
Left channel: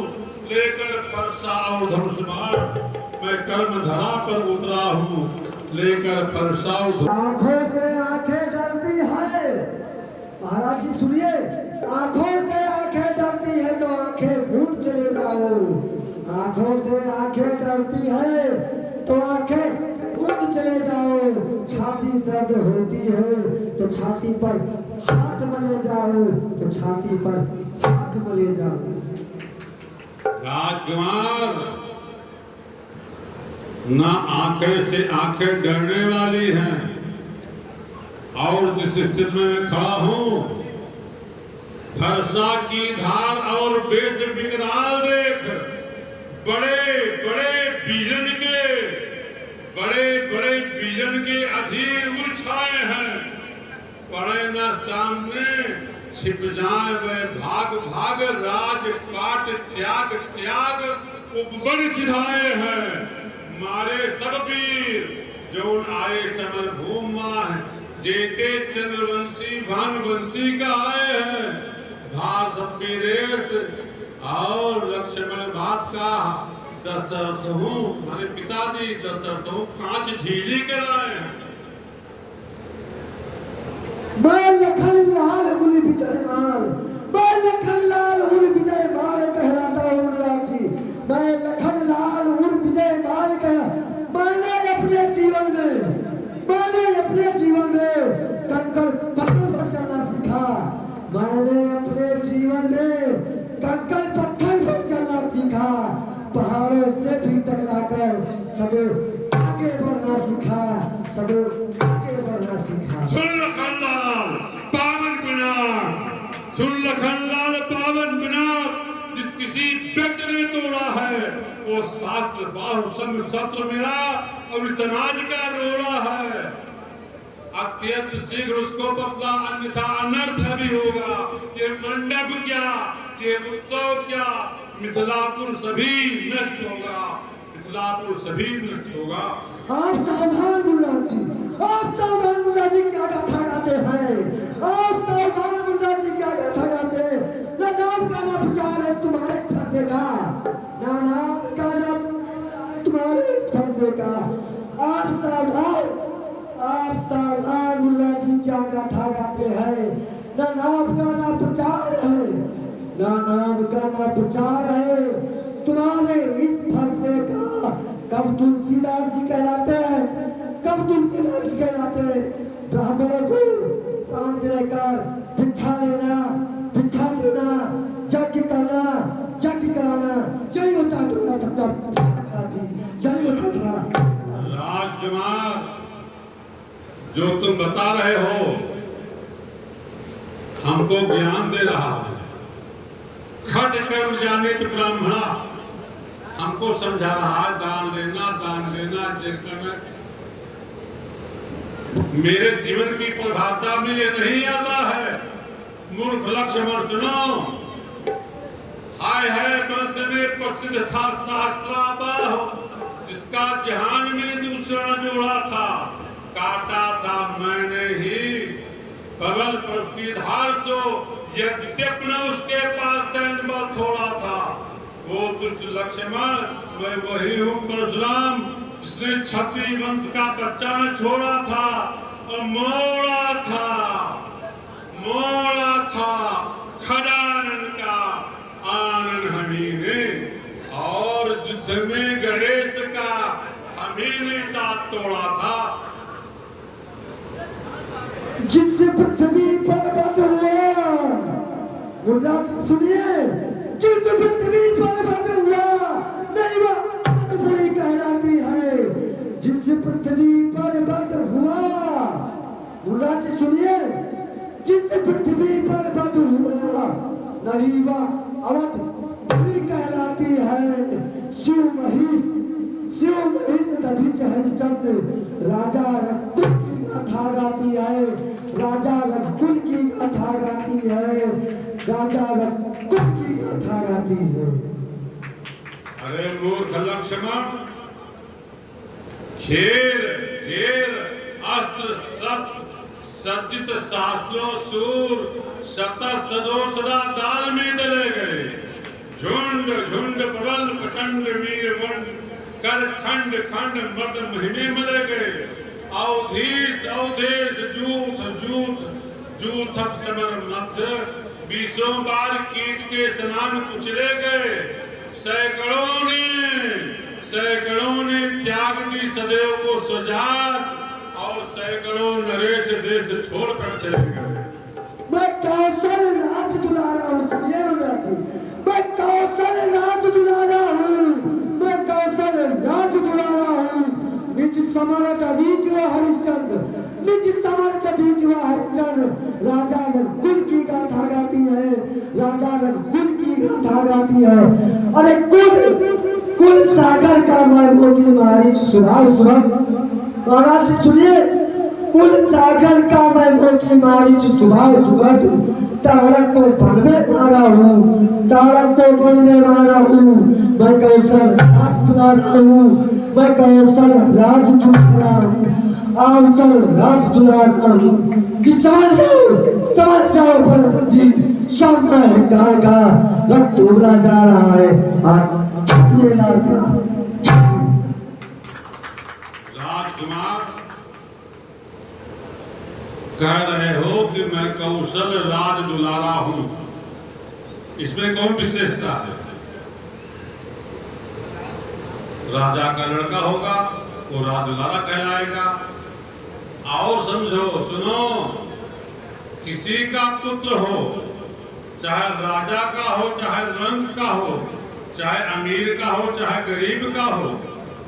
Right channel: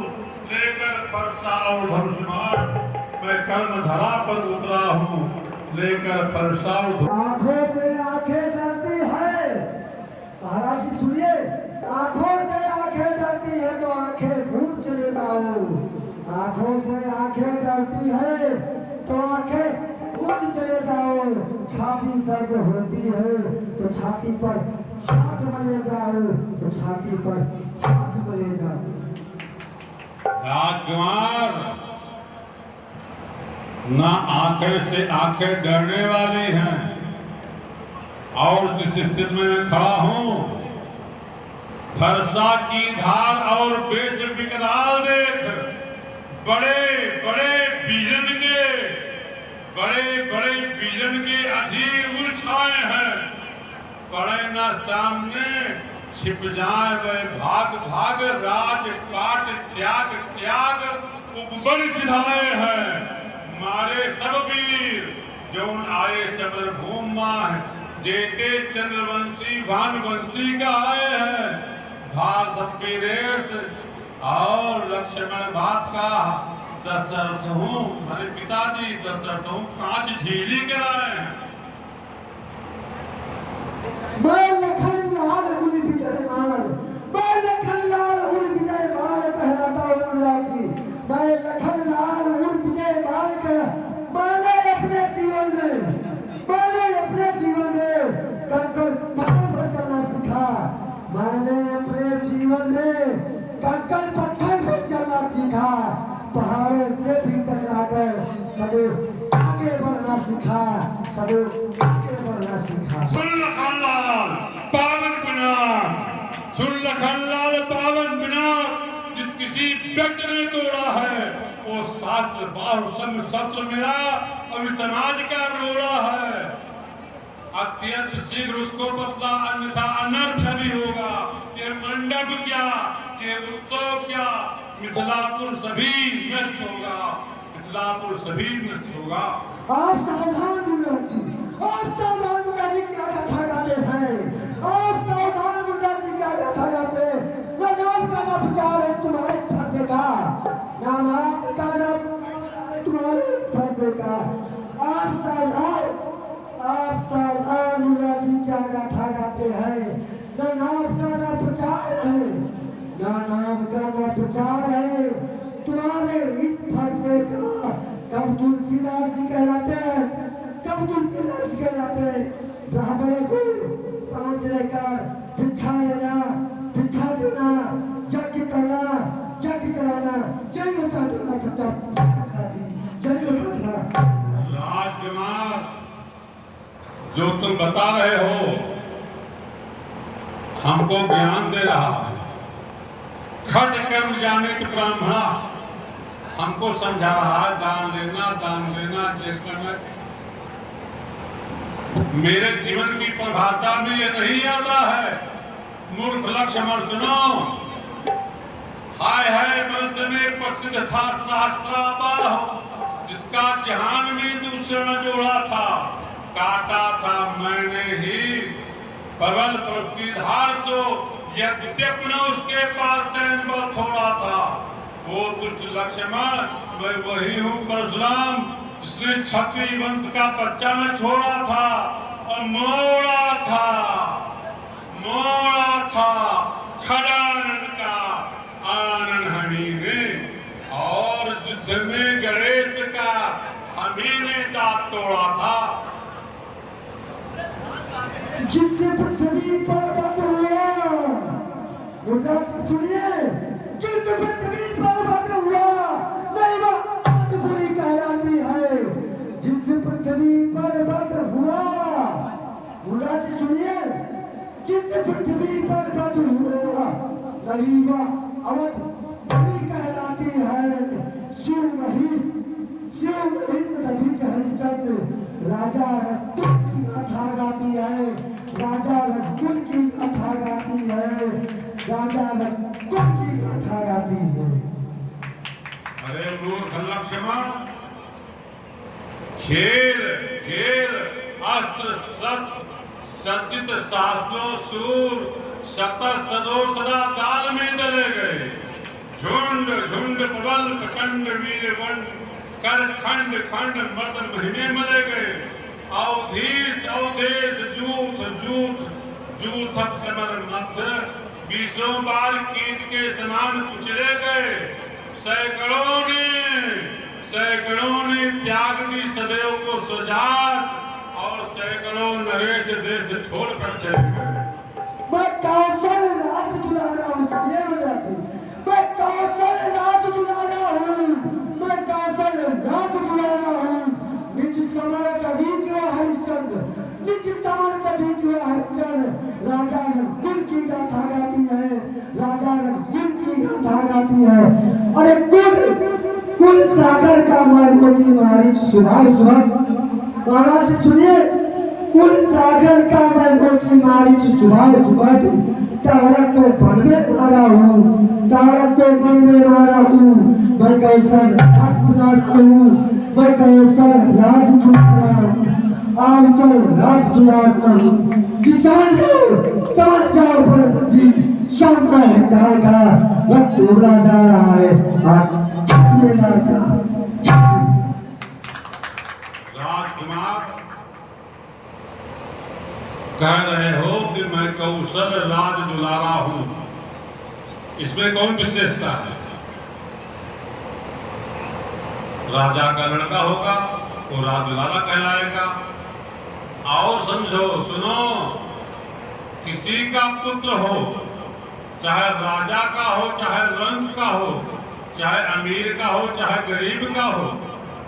लेकर परसा और धनुष्मान। मैं कर्म धरा पर उतरा हूँ, लेकर परसा और आंखों से आंखें डरती है, महाराज जी सुनिए, आंखों से आंखें डरती है तो आंखें फूट चले जाओ। आंखों से आंखें डरती है तो आंखें फूट चले जाओ। छाती दर्द होती है तो छाती पर हाथ मले जाओ, तो छाती पर हाथ मले जाओ। राजकुमार, ना आंखें से आंखें डरने वाली हैं, और जिस स्थिति में मैं खड़ा हूं, फरसा की धार और बेश विकराल देख। बड़े बड़े बीजन के अधीर उड़ छाए हैं। पड़े न सामने छिप जाए वह भाग भाग, राज पाट त्याग त्याग उपबन सिधाए हैं। मारे सब वीर जौन आए समर भूमा है, जेते चंद्रवंशी भानुवंशी का आए हैं। भार सब वीरेश और लक्ष्मण बात का दशरथ हूँ, मेरे पिताजी दशरथ हूँ, कांच झीली कराए हैं। मैं लखन लाल हुल विजयमान, मैं लखन लाल हुल विजयमान कहलाता हूँ राजी। मैं लखन लाल हुल विजयमान मैंने अपने जीवन में कंकड़ पत्थर पर चलना सीखा। मैंने अपने जीवन में कंकड़ पत्थर पर चलना सीखा। पहाड़ों से भी टकराकर सदैव आगे बढ़ना सीखा, सदैव आगे बढ़ना सीखा। सुन लखनलाल पावन विनाश, सुन लखनलाल पावन विनाश। जिस किसी व्यक्ति ने तोड़ा है वो शास्त्र बाहु शस्त्र मेरा और समाज का रोड़ा है। अत्यंत शीघ्र उसको बदला, अन्यथा अनर्थ भी होगा। ये मंडप क्या, ये उत्सव क्या, मिथिलापुर सभी नष्ट होगा, मिथिलापुर सभी नष्ट होगा। आप सावधान मुल्ला जी, आप सावधान मुल्ला जी, क्या गाथा गाते हैं? आप सावधान मुल्ला जी, क्या गाथा गाते हैं? ना नाम का ना प्रचार है तुम्हारे फर्जे का, ना नाम का ना तुम्हारे फर्जे का। आप सावधान मुल्ला जी, क्या गाथा गाते हैं? ना नाम का ना प्रचार है, ना नाम का ना प्रचार है तुम्हारे इस फरसे का। कब तुलसीदास जी कहलाते हैं, कब तुलसीदास जी कहलाते हैं। ब्राह्मणों को शांत रहकर भिक्षा लेना, भिक्षा देना, यज्ञ करना, यज्ञ कराना, यही होता है तुम्हारा सच्चा जी, यही होता है तुम्हारा। राजकुमार, जो तुम बता रहे हो हमको ज्ञान दे रहा है। खट कर्म जानित ब्राह्मणा हमको समझा रहा है दान लेना ये करना। मेरे जीवन की परिभाषा में ये नहीं आता है। मूर्ख लक्ष्मण सुनो, हाय हाय वंश में प्रसिद्ध था सहस्त्राबाह, जिसका जहान में दूसरा जोड़ा था, काटा था मैंने ही प्रबल पर उसकी धार तो यद्यपि न उसके पास सैन्य बल थोड़ा था। वो दुष्ट लक्ष्मण मैं वही हूँ परशुराम, जिसने क्षत्रिय वंश का बच्चा न छोड़ा था और मोड़ा था खड़ानन का आनन हमी ने, और युद्ध में गणेश का हमी ने दांत तोड़ा था। जिससे पृथ्वी पर बद हुआ, मुराद सुनिए, जिस पृथ्वी पर बद हुआ नहीं वह अद्भुरी कहलाती है। जिस पृथ्वी पर बद हुआ, मुराद सुनिए, जिस पृथ्वी पर बद हुआ नहीं वह अवधपुरी कहलाती है। शिव महिष दधिच हरिश्चंद्र राजा रघुकुल की गाथा गाती है, राजा रघुकुल की गाथा गाती है, राजा रघुकुल की गाथा गाती है। अरे मूर्ख लक्ष्मण, खेल अस्त्र सज्जित शास्त्रों सूर शतरो सदा दाल में दले गए। झुंड प्रबल प्रचंड वीर वंड कर खंड मर्द महीने मले गए। अवधेश जूथ समर मध्य, 20 बार कीट के समान कुचले गए। सैकड़ों ने त्याग दी सदैव को सुजात, और सैकड़ों नरेश देश छोड़कर चले गए। मैं कौशल राज दुलारा हूँ, ये मैं कौशल राज दुलारा हूँ, मैं कौशल राज दुलारा हूँ। निज समर कदीच व हरिश्चंद्र, निज समर कदीच व हरिश्चंद्र राजा रघुकुल की गाथा गाती है, राजा रघुकुल की गाथा गाती है। अरे कुल सागर का मैं मोटी मारिच सुभाग महाराज सुनिए, कुल सागर का मैं मोटी मारिच सुभाग ताड़क को बन में मारा हूँ, ताड़क को बन में मारा हूँ। मैं कौशल राज दुलारा हूँ, मैं कौशल राज दुलारा हूँ, आवतल राज दुलारा हूँ। जी समझ जाओ भरत जी, शाम का है गाय का रक्त उगला जा रहा है, राजकुमार कह रहे हो कि मैं कौशल राज दुलारा हूं, इसमें कौन विशेषता है? राजा का लड़का होगा वो राज दुलारा कहलाएगा। और समझो, सुनो, किसी का पुत्र हो, चाहे राजा का हो, चाहे रंग का हो, चाहे अमीर का हो, चाहे गरीब का हो,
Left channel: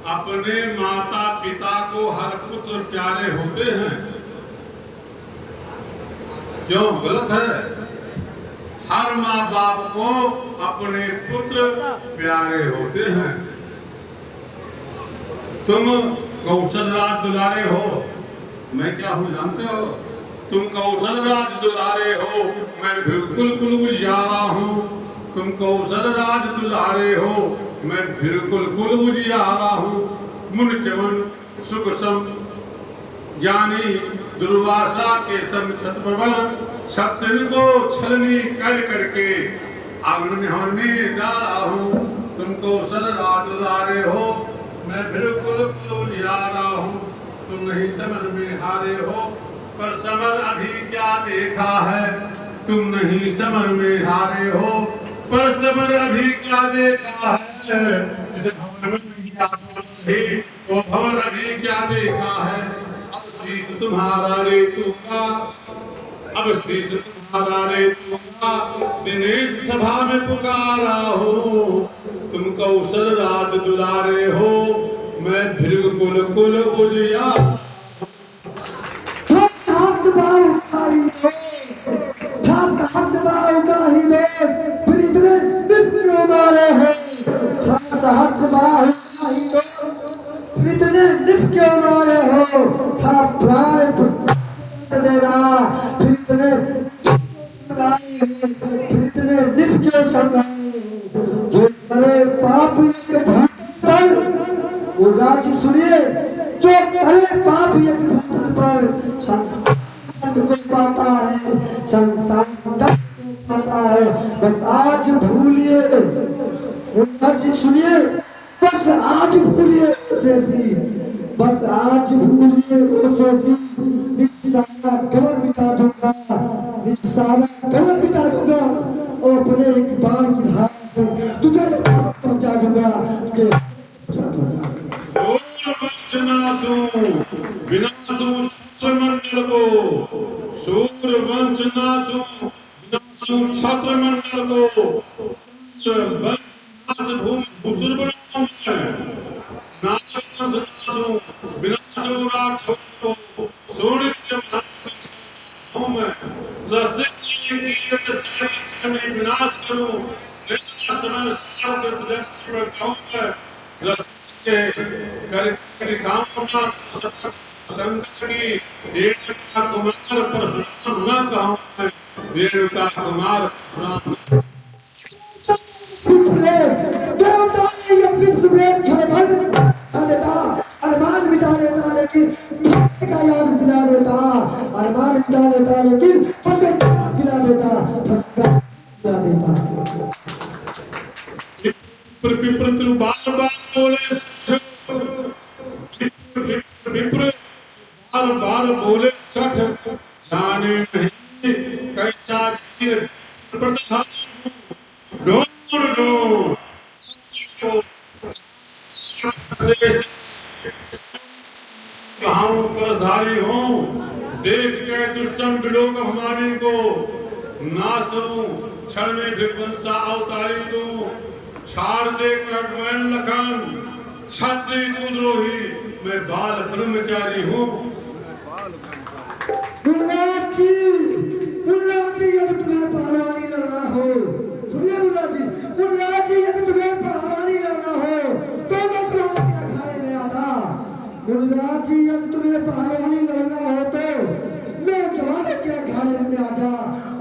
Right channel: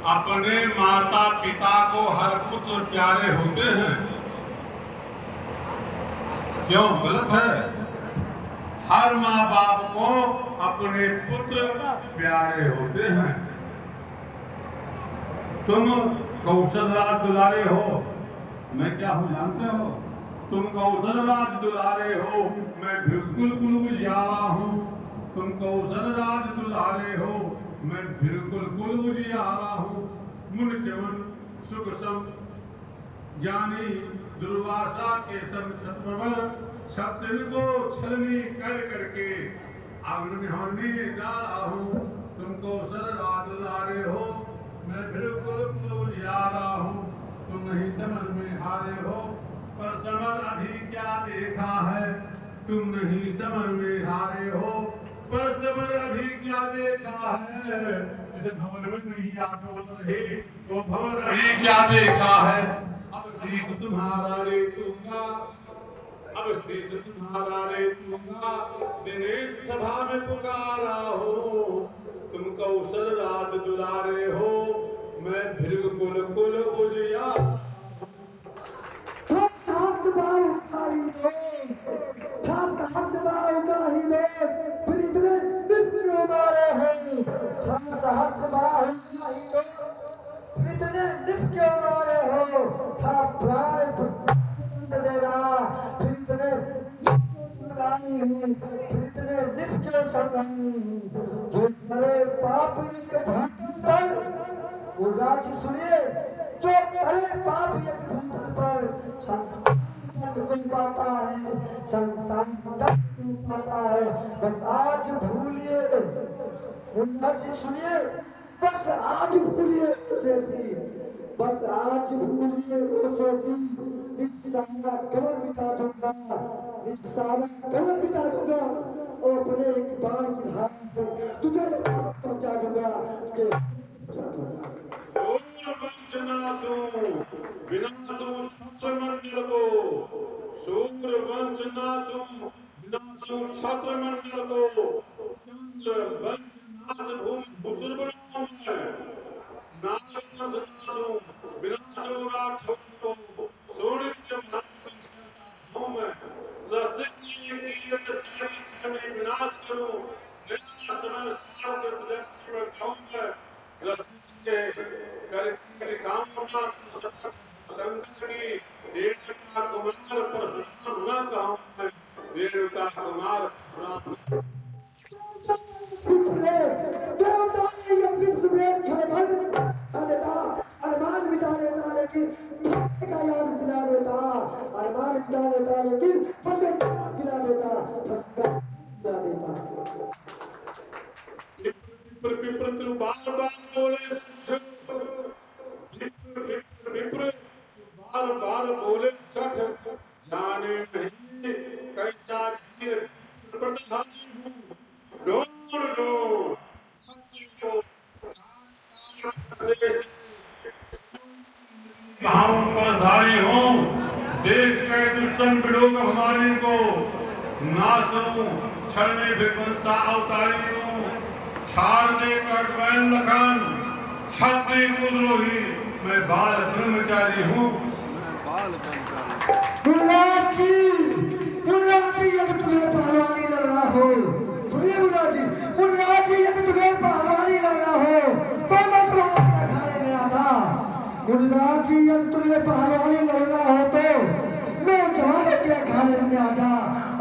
अपने माता पिता को हर पुत्र प्यारे होते हैं। क्यों गलत है? हर माँ बाप को अपने पुत्र प्यारे होते हैं। तुम कौशल राज दुलारे हो, मैं क्या हूं जानते हो? तुम कौशल राज दुलारे हो, मैं बिल्कुल उजियारा हूँ। तुम कौशल राज दुलारे हो, मैं बिल्कुल उजियारा हूँ। मुन चवन सुख सम ज्ञानी दुर्वासा के सम छत्रप्रबल, छत्रन को छलनी कर करके आंगन में डाला हूँ। तुम कौशल राज दुलारे हो, मैं बिल्कुल उजियारा हूँ। तुम नहीं समझ में हारे हो, पर समझ अभी क्या देखा है। तुम नहीं समझ में हारे हो, पर समर अभी क्या देखा है, जिस भवन में नहीं आतो रही, वो भवन अभी क्या देखा है। अब शीश तुम्हारा रेतूंगा, अब शीश तुम्हारा रेतूंगा, दिनेश सभा में पुकारा हो, तुम कौशल राज दुलारे हो, मैं भृगु कुल कुल उजिया। राज्य सुनिए, जो करे पाप एक भूतल पर संसार को पाता है, संसार को पाता है। बस आज भूलिए, राज्य सुनिए, बस आज भूलिए जैसी, बस आज भूलिए वो जैसी, निस्सारा कवर मिटा दूंगा, निस्सारा कवर मिटा दूंगा, और अपने एक बाण की धार से तुझे पहुंचा दूंगा, तुझे पहुंचा दूंगा। बिना तू छत्र मंडल को, सूर्य वंश ना तू, बिना तू छत्र मंडल को, चंद्र वंश नाथ भूमि भूसुर बनाऊं मैं, नाग वंश ना तू, बिना तू राठौर को, सोने के महल हूं मैं, सस्ते की सारी में विनाश करूं, लेकिन समय सार के प्रदर्शन में कहूं मैं, कर कामना शंकर की रेणुका कुमार परशुराम न कहूं मैं, रेणुका कुमार परशुराम। अरमान मिटा लेता लेकिन का याद दिला देता, अरमान मिटा लेता लेकिन दिला देता, दिला देता। विप्र बार बार बोले, विप्र बार बार बोले सठ, जाने नहीं कैसा वीर प्रधानी हूँ, ढूंढ लो सत्य को भावों पर धारी हूँ, देख के दुष्टन बिलोक हमारी को नाश करूं, क्षण में विध्वंसा अवतारी दूं, छाड़ देकर वैन लखन क्षत्रिय कुद्रोही, मैं बाल ब्रह्मचारी हूँ। मुराद जी यदि तुम्हें पहलवानी लड़ना हो, सुनिए मुराद जी यदि तुम्हें पहलवानी लड़ना हो तो मैं तुम्हारे अखाड़े में आ जा। मुराद जी यदि तुम्हें पहलवानी लड़ना हो तो मैं जवानों के अखाड़े में आ जा,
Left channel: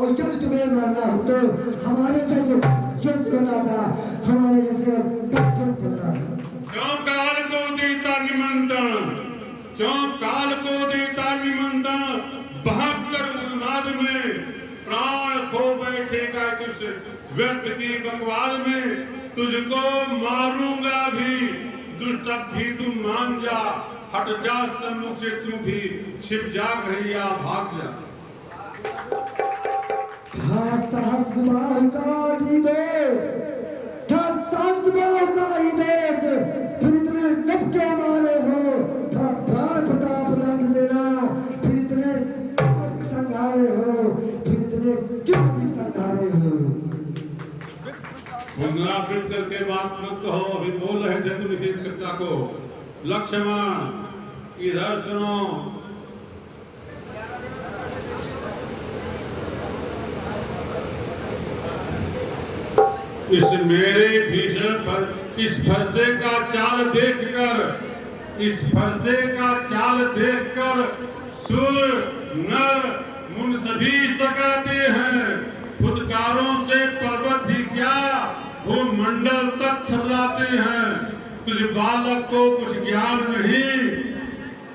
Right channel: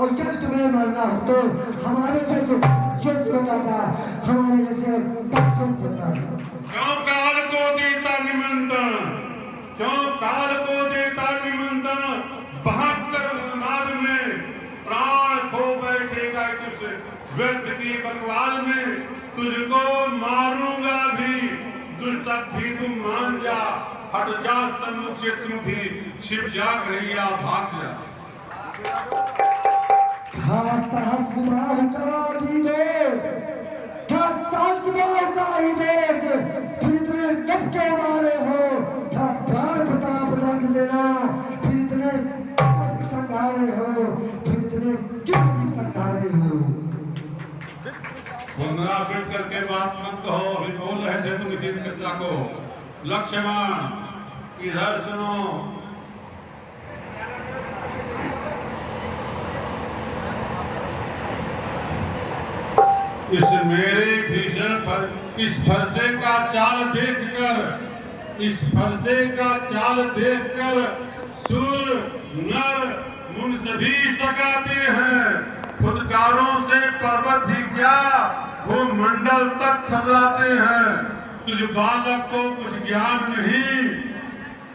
और यदि तुम्हें मरना हो तो हमारे जैसे बता जा, हमारे जैसे बता जा। क्यों काल को देता निमंत्रण, क्यों काल को देता निमंत्रण, बहत्तर उन्माद में प्राण खो बैठेगा तुझ व्यर्थ की बकवाल में, तुझको मारूंगा भी दुष्ट भी तुम मान जा, हट जा सन्मुख से तुम भी, छिप जा घैया भाग जा। फिर इतने डबके मारे हो, था प्राण प्रताप दंड देना, फिर इतने संघारे हो, फिर इतने क्यों संघारे हो। पुनरावृत्त करके बात मत कहो, अभी बोल रहे थे तुम इसी चर्चा को। लक्ष्मण इधर सुनो, इस मेरे भीषण पर इस फरसे का चाल देखकर, इस फरसे का चाल देखकर सुर नर मुन सभी सकाते हैं, फुटकारों से पर्वत ही क्या वो मंडल तक थर्राते हैं। तुझ बालक को कुछ ज्ञान नहीं,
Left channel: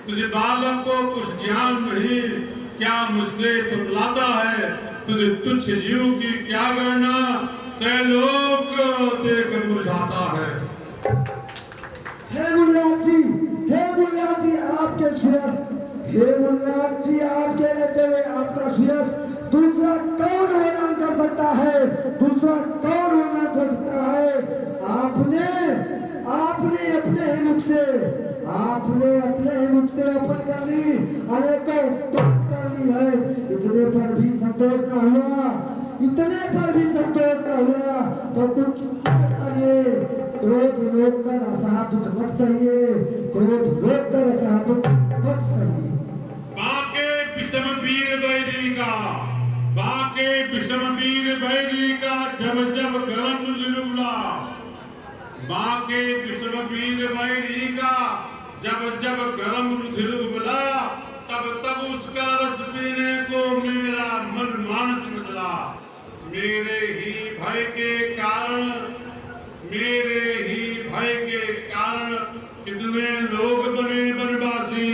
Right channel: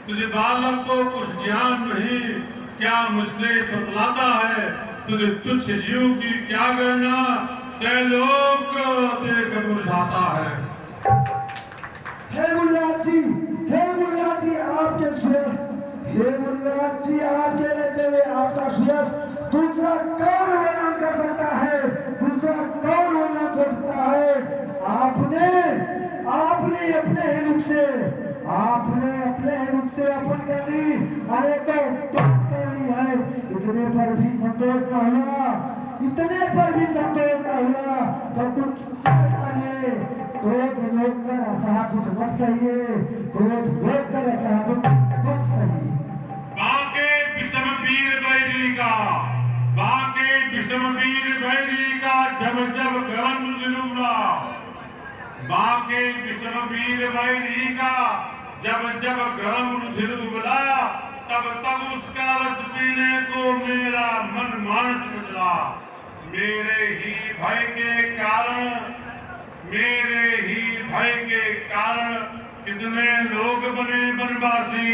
तुझे बालक को कुछ ज्ञान नहीं, क्या मुझसे बतलाता है, तुझे तुच्छ जीव की क्या गणना, त्रैलोक देख बुझाता है। हे मुल्लाद जी आपके सुयस, हे मुल्लाद जी आपके रहते हुए आपका सुयस दूसरा कौन वर्णन कर सकता है, दूसरा कौन मुख से आपने अपने ही मुख से अर्पण कर ली, अनेकों बात कर ली है, इतने पर भी संतोष न हुआ, इतने पर भी संतोष न हुआ तो कुछ डालिए। क्रोध रोक कर असहातुक मत सहिए, क्रोध रोक कर असहातुक मत सहिए। बाके विषम वीर बैरी का, बाके विषम वीर बैरी का जब जब गरम दिलुला, बाके विषम वीर बैरी का जब जब गरम रुधिर उबला, तब तब उसका रस पीने को मेरा मन मानस बदला। मेरे ही भय के कारण, मेरे ही भय के कारण कितने लोग बने बनवासी,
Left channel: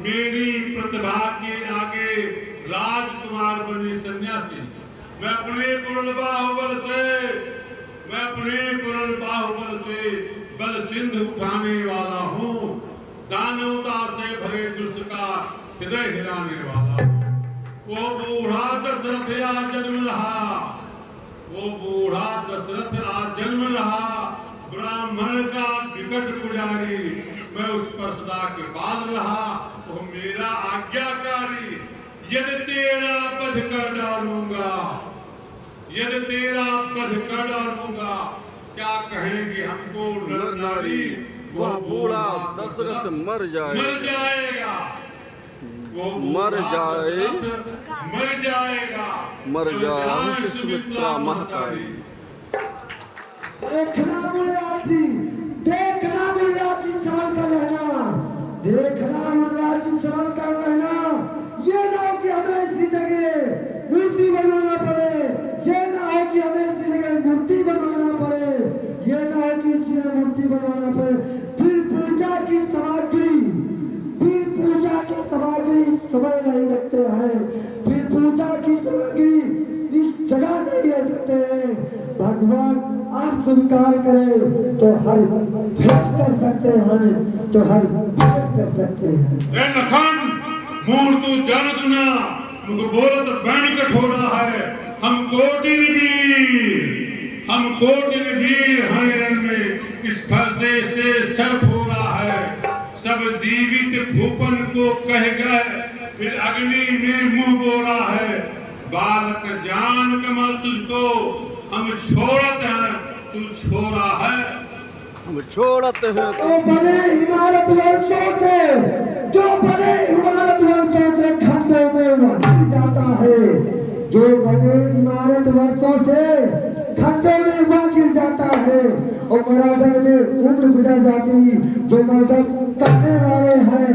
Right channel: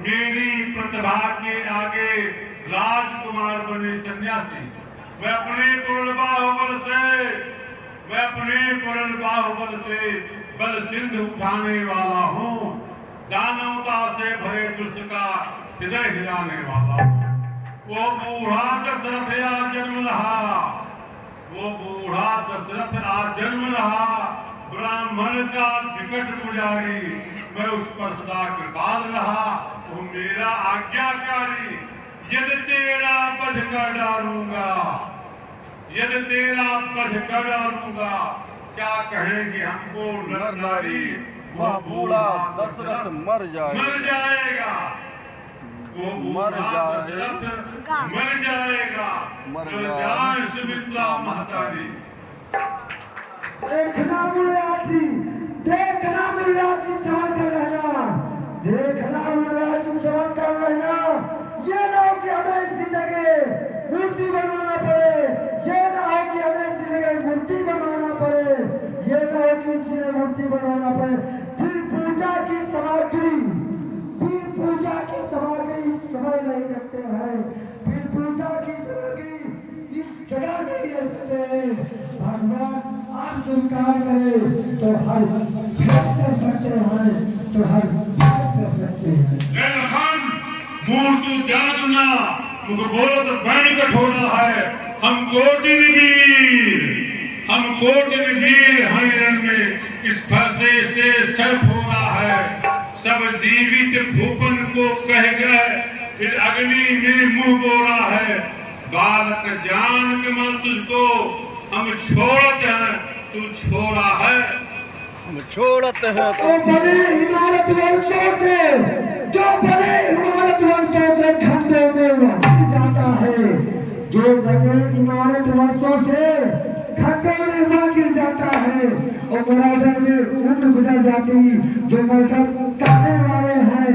मेरी प्रतिभा के आगे राजकुमार बने सन्यासी। मैं अपने पुरल बाहुबल से, मैं अपने पुरल बाहुबल से बल सिंध उठाने वाला हूँ, दानवता से भरे दुष्ट का हृदय हिलाने वाला। वो बूढ़ा दशरथ आज जन्म रहा, वो बूढ़ा दशरथ आज जन्म रहा, ब्राह्मण का विकट पुजारी, मैं उस पर सदा कृपाल रहा, वो मेरा आज्ञाकारी। यदि तेरा वध कर डालूंगा, यदि तेरा वध कर डालूंगा, क्या कहेंगे हमको नर नारी, वह बूढ़ा दशरथ मर जाएगा, वो मर जाए, मर जाएगा, मर जाए सुमित्रा महतारी। देखना मुनिराज जी, देखना मुनिराज जी, संभल कर रहना, देखना मुनिराज जी, संभल कर रहना। ये ना हो कि हमें इसी जगह मूर्ति बनवाना पड़े, ये ना हो कि हमें इसी जगह मूर्ति बनवाना पड़े, ये ना हो कि इसी जगह मूर्ति बनवाना पड़े। फिर पूजा की सामग्री, फिर पूजा की सामग्री समय नहीं रखते हैं, फिर पूजा की सामग्री इस जगह नहीं रह सकते हैं। भगवान आप स्वीकार करें तो हर भेंट कर सकते हैं, तो हर भेंट कर सकते हैं। मूर्ति जागना मुझे बोला तो बैन कठोरा है, हम कोटिन वीर, हम कोटिन वीर हरिरण में इस फरसे से सर्प हो रहा है। सब जीवित भूपन को कह गए, फिर अग्नि में मुंह बोरा है। बालक जान के मैं तुझको हम छोड़ते हैं, तू छोड़ा है, हम छोड़ते हैं। तो भले इमारत वर्षों से, जो भले इमारत वर्षों से खंडों में बांट जाता है, जो भले इमारत वर्षों से खंडों में बांट जाता है, और मर्डर में उम्र गुजर जाती, जो मर्डर करने वाले हैं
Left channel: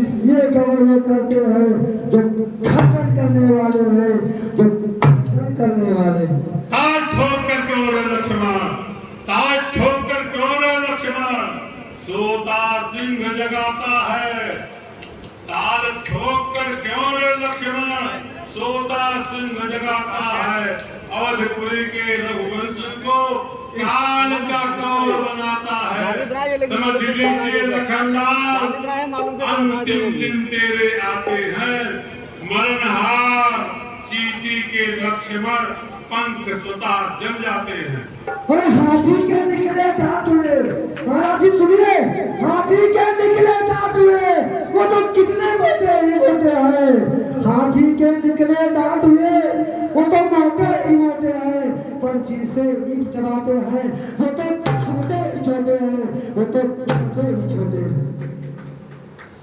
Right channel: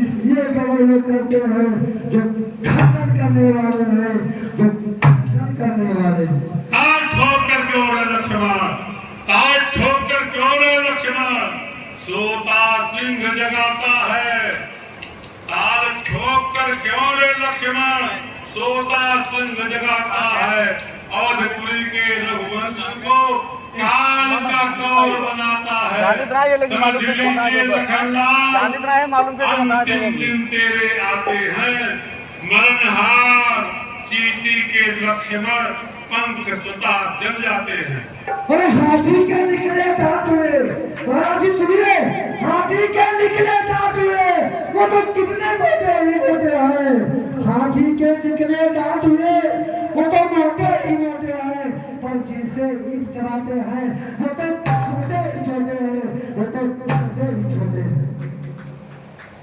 इसलिए कवर वो करते हैं, जो खंडन करने वाले हैं, जो खंडन करने वाले हैं। ताल ठोक कर क्यों रे लक्ष्मण, ताल ठोक कर क्यों रे लक्ष्मण, सोता सिंह जगाता है। ताल ठोक कर क्यों रे लक्ष्मण, सोता सिंह जगाता है। अवधपुरी के रघुवंश को काल का कौर बनाता है। समझ लीजिए लखनलाल, अंतिम दिन तेरे आते हैं। मरणहार चींटी के लक्ष्मण पंख सुता जल जाते हैं। अरे हाथी के निकले दांत हुए, महाराज जी सुनिए, हाथी के निकले दांत हुए, वो तो कितने मोटे ही मोटे हैं। हाथी के निकले दांत हुए, वो तो मोटे ही मोटे हैं, पर जिसे ईंट चबाते हैं वो तो छोटे ही छोटे हैं, वो तो छोटे ही छोटे हैं।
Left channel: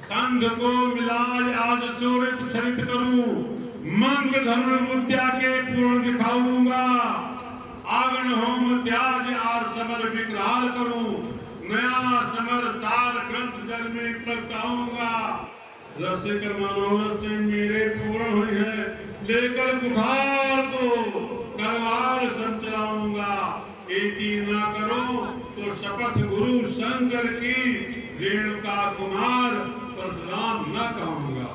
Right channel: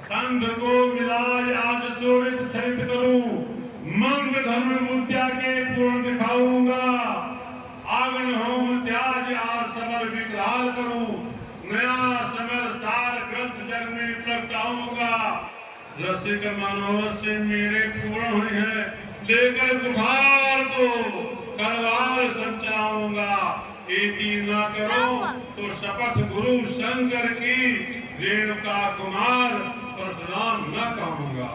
संघ को मिलाज आज चोरित छरित करूं, मंग धर्म मुद्या के पूर्ण दिखाऊंगा। आगन होम त्याज आर समर विकराल करूं, नया समर सार ग्रंथ जग में प्रगटाऊंगा। रसिक मनोरथ से मेरे पूर्ण हुए हैं, लेकर कुठार को करवार सब चलाऊंगा। एती न करो तो शपथ गुरु शंकर की, रेणुका कुमार परशुराम न कहूंगा।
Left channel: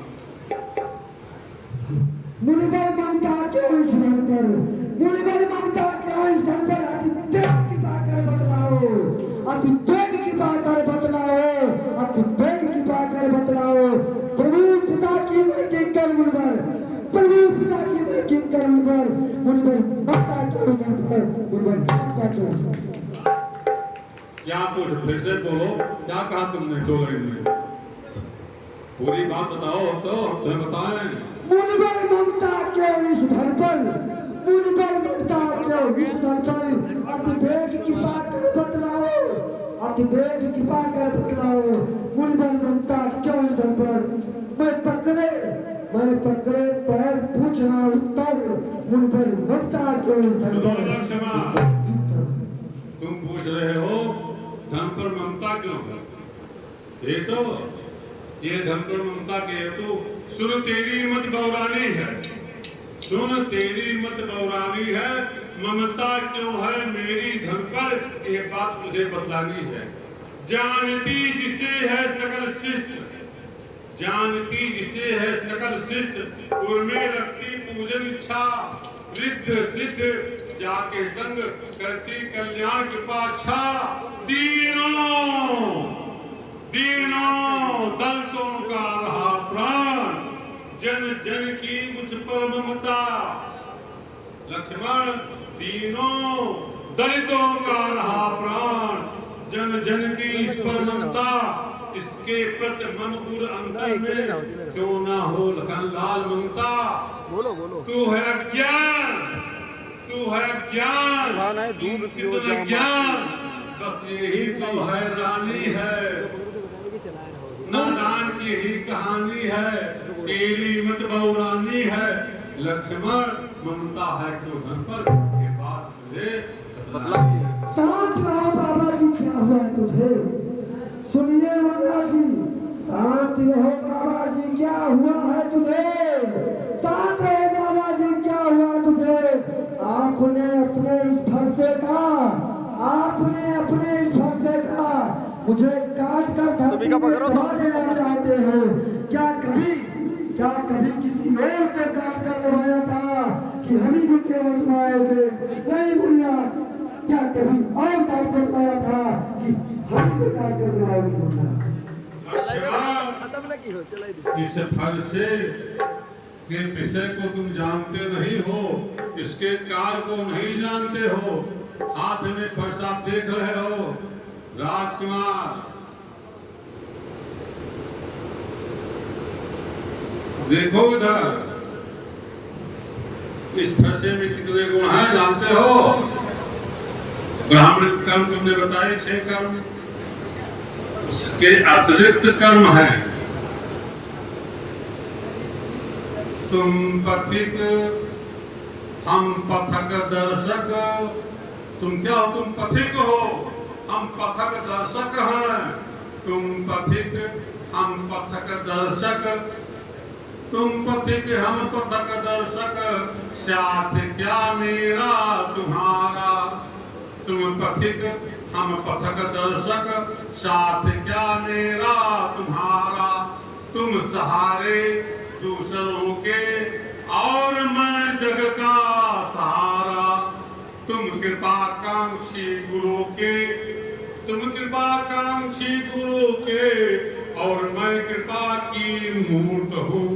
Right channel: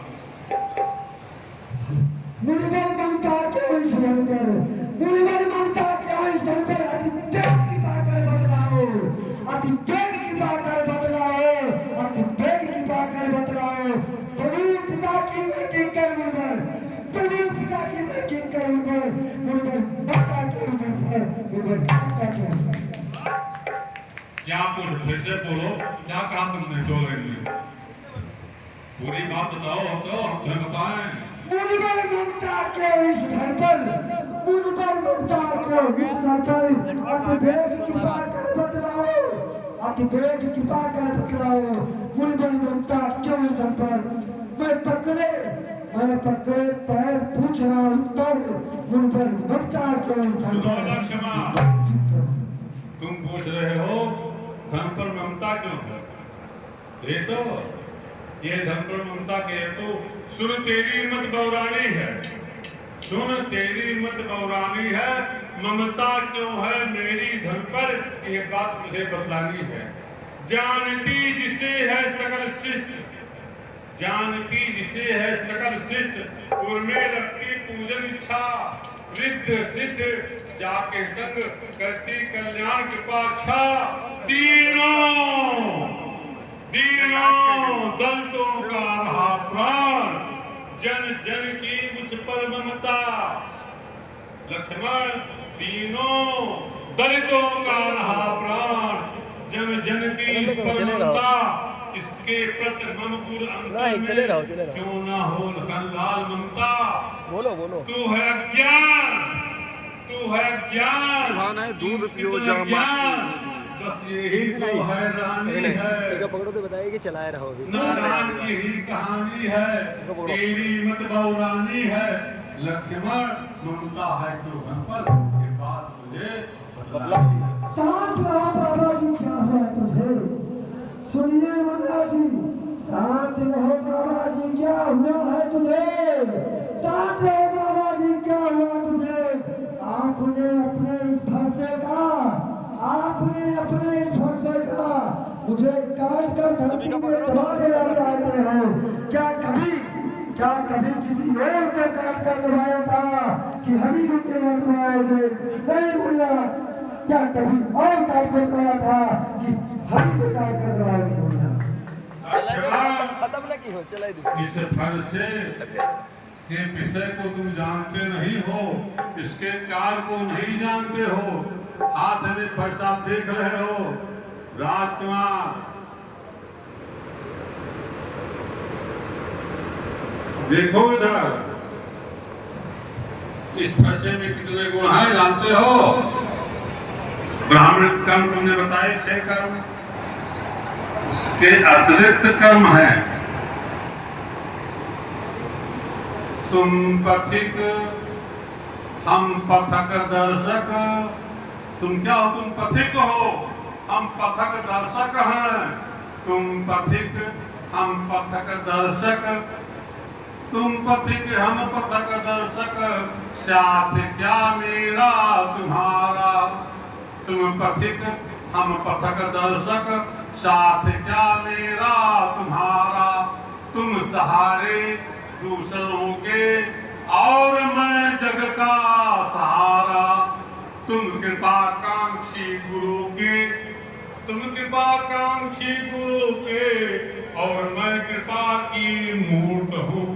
मुनिवर ममता क्यों इस धन पर, मुनिवर ममता क्यों इस धन पर, अति तेज की पाकर बतलाओ, अति तेज की पाकर बतलाओ, अति तेज की पाकर बतलाओ। प्रभु पिता की मैं किंकर मुनिवर, प्रभु पिता की मैं किंकर मुनिवर, मुनिवर ममता क्यों धन पर, मुनिवर ममता क्यों। क्या पूछ, फिर से बोलो, क्या कहा तुमने 2 लाइन में? पूरी बात बताओ तो हम बताएं। मुनबर ममता क्यों इस धर पर, मुनबर ममता क्यों इस धर पर, अतिवेग कृपा कर बतलाओ, अतिवेग कृपा कर बतलाओ, मुनबर ममता क्यों इस धर पर। मैं पकड़े पैर पूछ रहा उत्तर, मुनबर ममता क्यों इस धर सुनो पर। लक्ष्मण, तुम पूछ रहे हो धन पर ममता क्यों है? ये तो ये धन पर ममता के हेतु सुन तेरी मत बौरानी है, सुन तेरी मत बौरानी है, ममता क्यों है मेरी धन पर, ये बात मुझे बतलानी है। जानती जिसे है सकल शिष्ट, जानती जिसे है सकल शिष्ट, उर्मे रखती पूजन इच्छा, रिद्ध सिद्ध जाके संग करती कल्याण कृपा छा। दीनों दीनों दलितों का रहा प्राण, जन जन की मुझ पर ममता। लक्ष्मण, दीनों दलितों का रहा प्राण, जन जन की इस पर ममता, इसके प्रति मम गुर अंतर में क्यों ना हो लखन लाल ममता। बोलो बोलो। तू है ज्ञान, तू है ज्ञान, हाँ ना, दूध पियो जामा। ज्ञान, बस यही तो है रानी है, पकड़ो तो बताइए कि चलाए रहो। नारायण की ही कहानी है, तेरी मत बहुरानी है। लक्ष्मण, ममता है क्यों धन पर, ये बात मुझे मतलब शांत रहो बाबा जी, क्या हुआ तुझे। सुनिए मुन्ना जी, शांत रहो बाबा जी, क्या हुआ है तुझे। शांत रहो बाबा जी, क्या हुआ तुझे। आपने अपने इस भरसे का, आपने अपने इस भरसे का मुझे काट कर धरती में दबा देना चाहते हो। क्या कभी किसी और को काट कर दबाया था कि हम ही के दबाओगे। नहीं मुन्ना, क्या कभी और काट कर दबाया था कि हम ही काट कर दबाओगे। मुन्ना, खत्म ना की हो, चलाई दे। इस फरसे के विषय को तुम जानते नहीं हो, इसके कार्य को नहीं जानते हो। हाथ में फरसा देख रहे हो। राजकुमार, देखो इधर, इस फरसे में कितने गुण हैं जानते हो? ब्राह्मण कर्म तुमने बताए 6 कर्म, इसके अतिरिक्त कर्म है। तुम पथिक, हम पथक दर्शक। तुम क्या हो? तुम पथिक हो, हम पथक दर्शक हैं। तुम पथिक, हम पथक दर्शक, तुम पथिक हम पथक दर्शक, साथ क्या मेरा तुम्हारा। तुम पथिक हम पथक दर्शक, साथ क्या मेरा तुम्हारा। तुम सहारे दूसरों के और मैं जग का सहारा। तुम कृपाकांक्षी गुरु के, तुम कृपाकांक्षी गुरु के और मैं कृपा की मूर्त हूँ।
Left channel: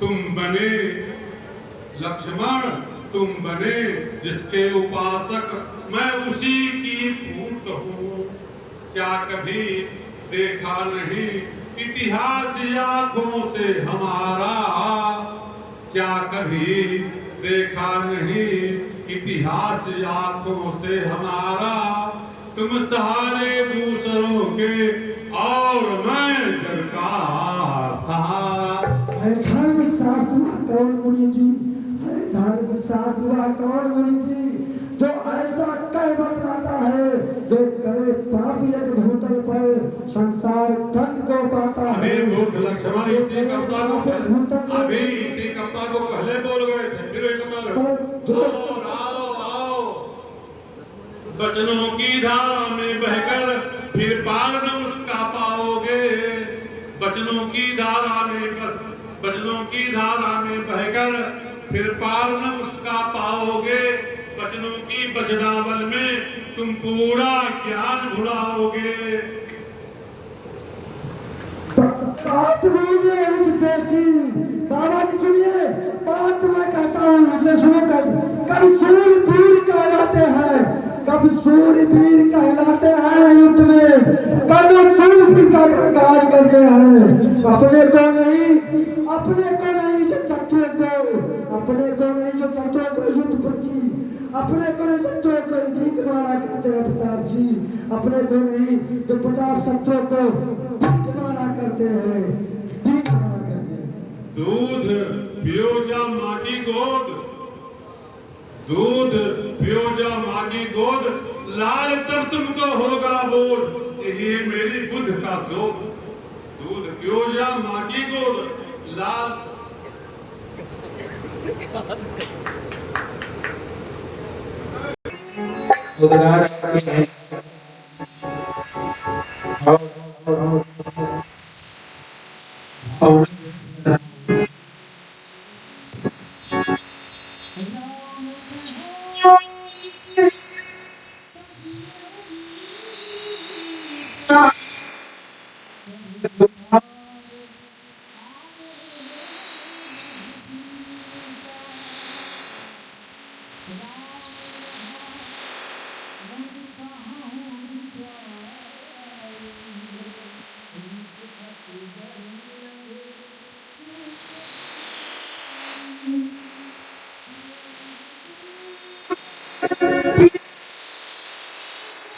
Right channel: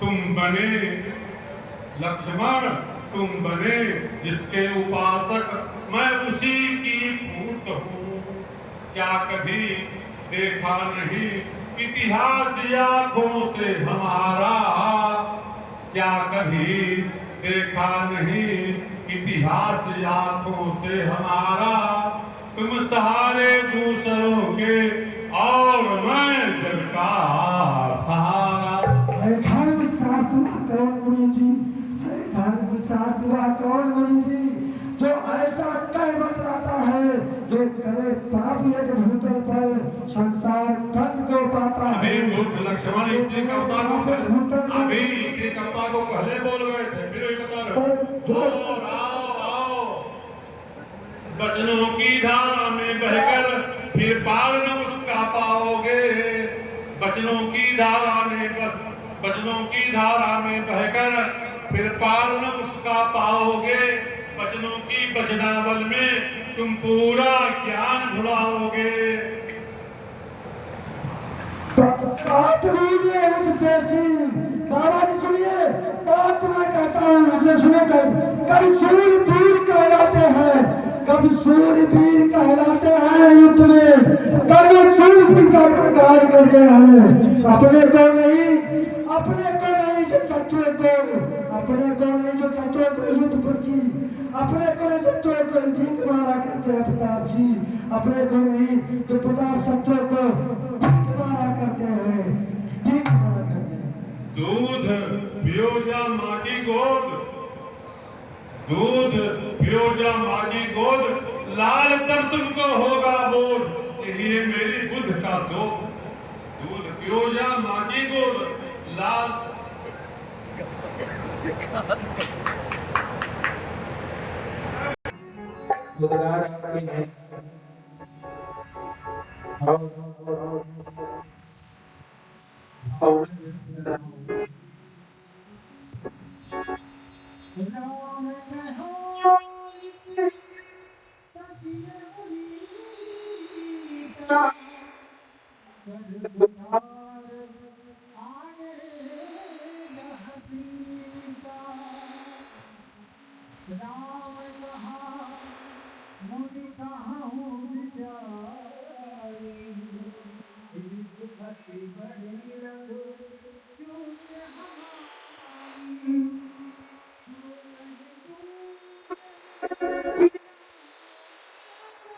तुम बने लक्ष्मण, तुम बने जिसके उपासक, मैं उसी की पूत हूँ। क्या कभी देखा नहीं इतिहास आँखों से हमारा, क्या कभी देखा नहीं इतिहास आँखों से हमारा। तुम सहारे दूसरों के और मैं जग का सहारा। है धर्म साधुआ कौन मुनि जी, है धर्म साधुआ कौन मुनि जी, जो ऐसा कह बतलाता है, जो करे पाप यज्ञ भूतल पर संसार दंड को पाता है। लक्ष्मण इसी कविता को, अभी इसी कविता को पहले बोल गए थे, फिर आओ बचनों की धारा में बहकर फिर पार न उसका पाओगे। बचनों की धारा में बचनों की धारा में बहकर फिर पार न उसका पाओगे। बचनों की बचनावल में तुम पूरा ज्ञान भुलाओगे। बाबा जी सुनिए, बात मैं कहता हूँ, मुझे सुनो। कभी सूर्य दूर कहलाते हैं, कभी सब सूरवीर कहलाते हैं युद्ध में, कभी सूरवीरता का कार्य करते हैं। अपने को नहीं जो शत्रुओं को, अपने को नहीं जो शत्रुओं को युद्ध प्रति, अपने को नहीं शत्रुओं को ठीक माना करते हैं प्रताप जी। अपने को नहीं जो प्रताप शत्रुओं को ठीक माना करते हैं, ठीक माना करते हैं। दूध पियो जा मागी गोद, दूध पियो जा मागी गोद, लाल तब तुमको होगा बोध, यही है मेरी बुद्ध का शोध। दूध पियो जा मागी गोद, लाल उद्गार आपके हैं और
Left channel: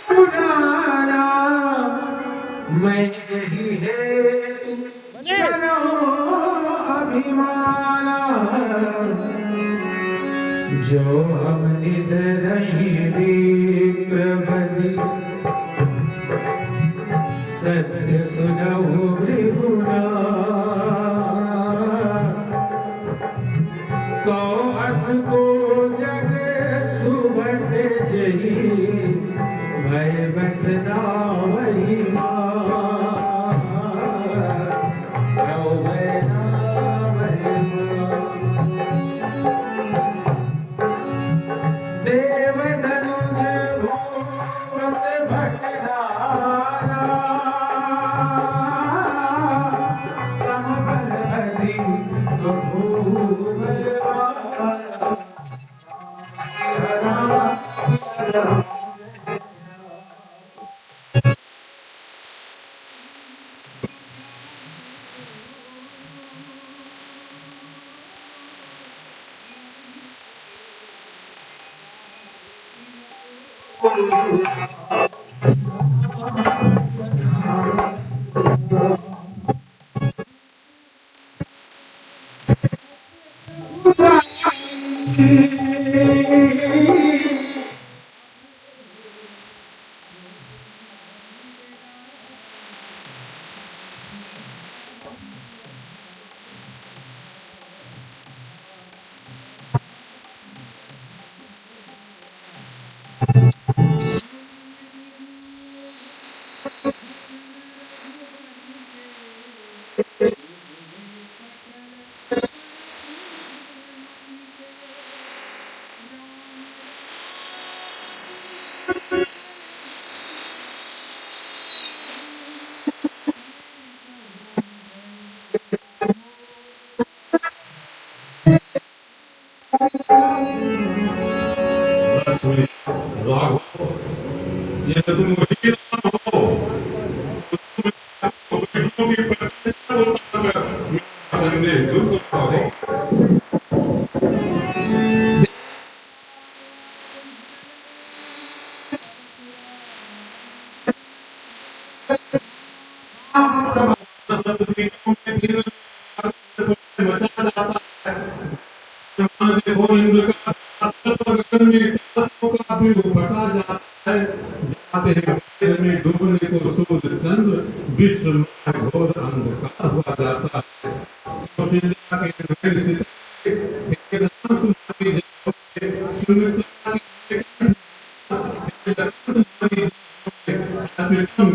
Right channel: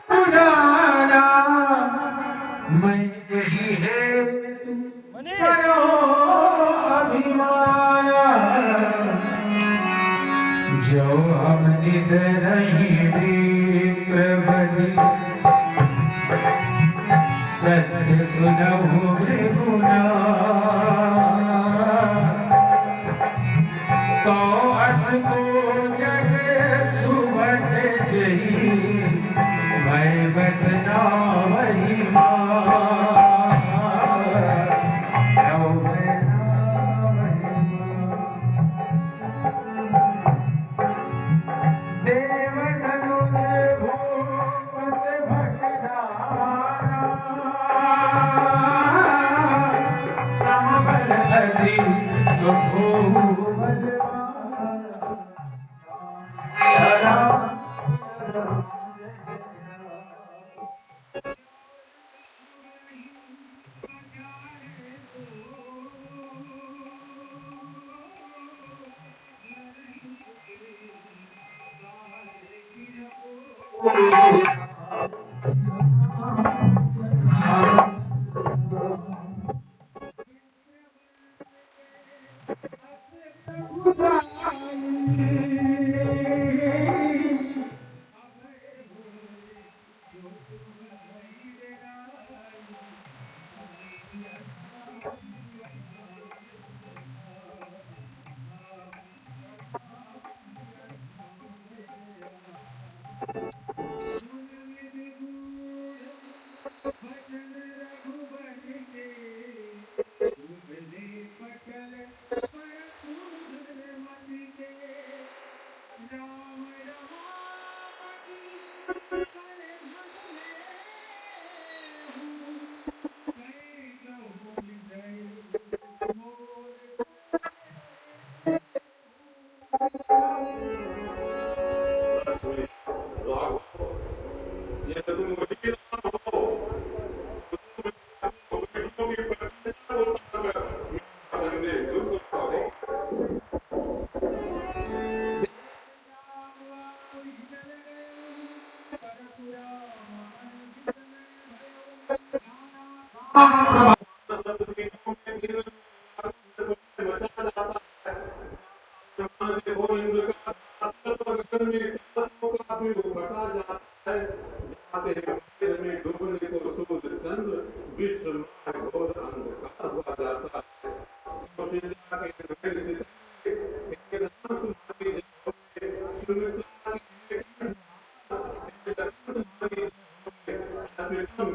पुराना मैं यही है करो अभिमाना, जो हम निद नहीं विप्रवधि, सत्य सुनहु मृगुना, तो अस को जग सुबट जही, भय बसना वही देव धनुज भूपत भटनारा, समबल अधिक बलवाना, सिया राम सिया राम। राघव, ये तो तुम वही राम हो, विष्णु की प्रतिष्ठा को पाकर मेरा संदेह दूर करो। देखो इंद्र का बटा जाता है, जाते हैं वेद में डूबने को सूर्य चंद्र, विश्व में घोर अंधकार हुआ जाता है। कौशल्या के नगर सितारे, हे राम तुम्हारी जय हो, सुमित्रा के हे जगत तुम्हारी जय हो,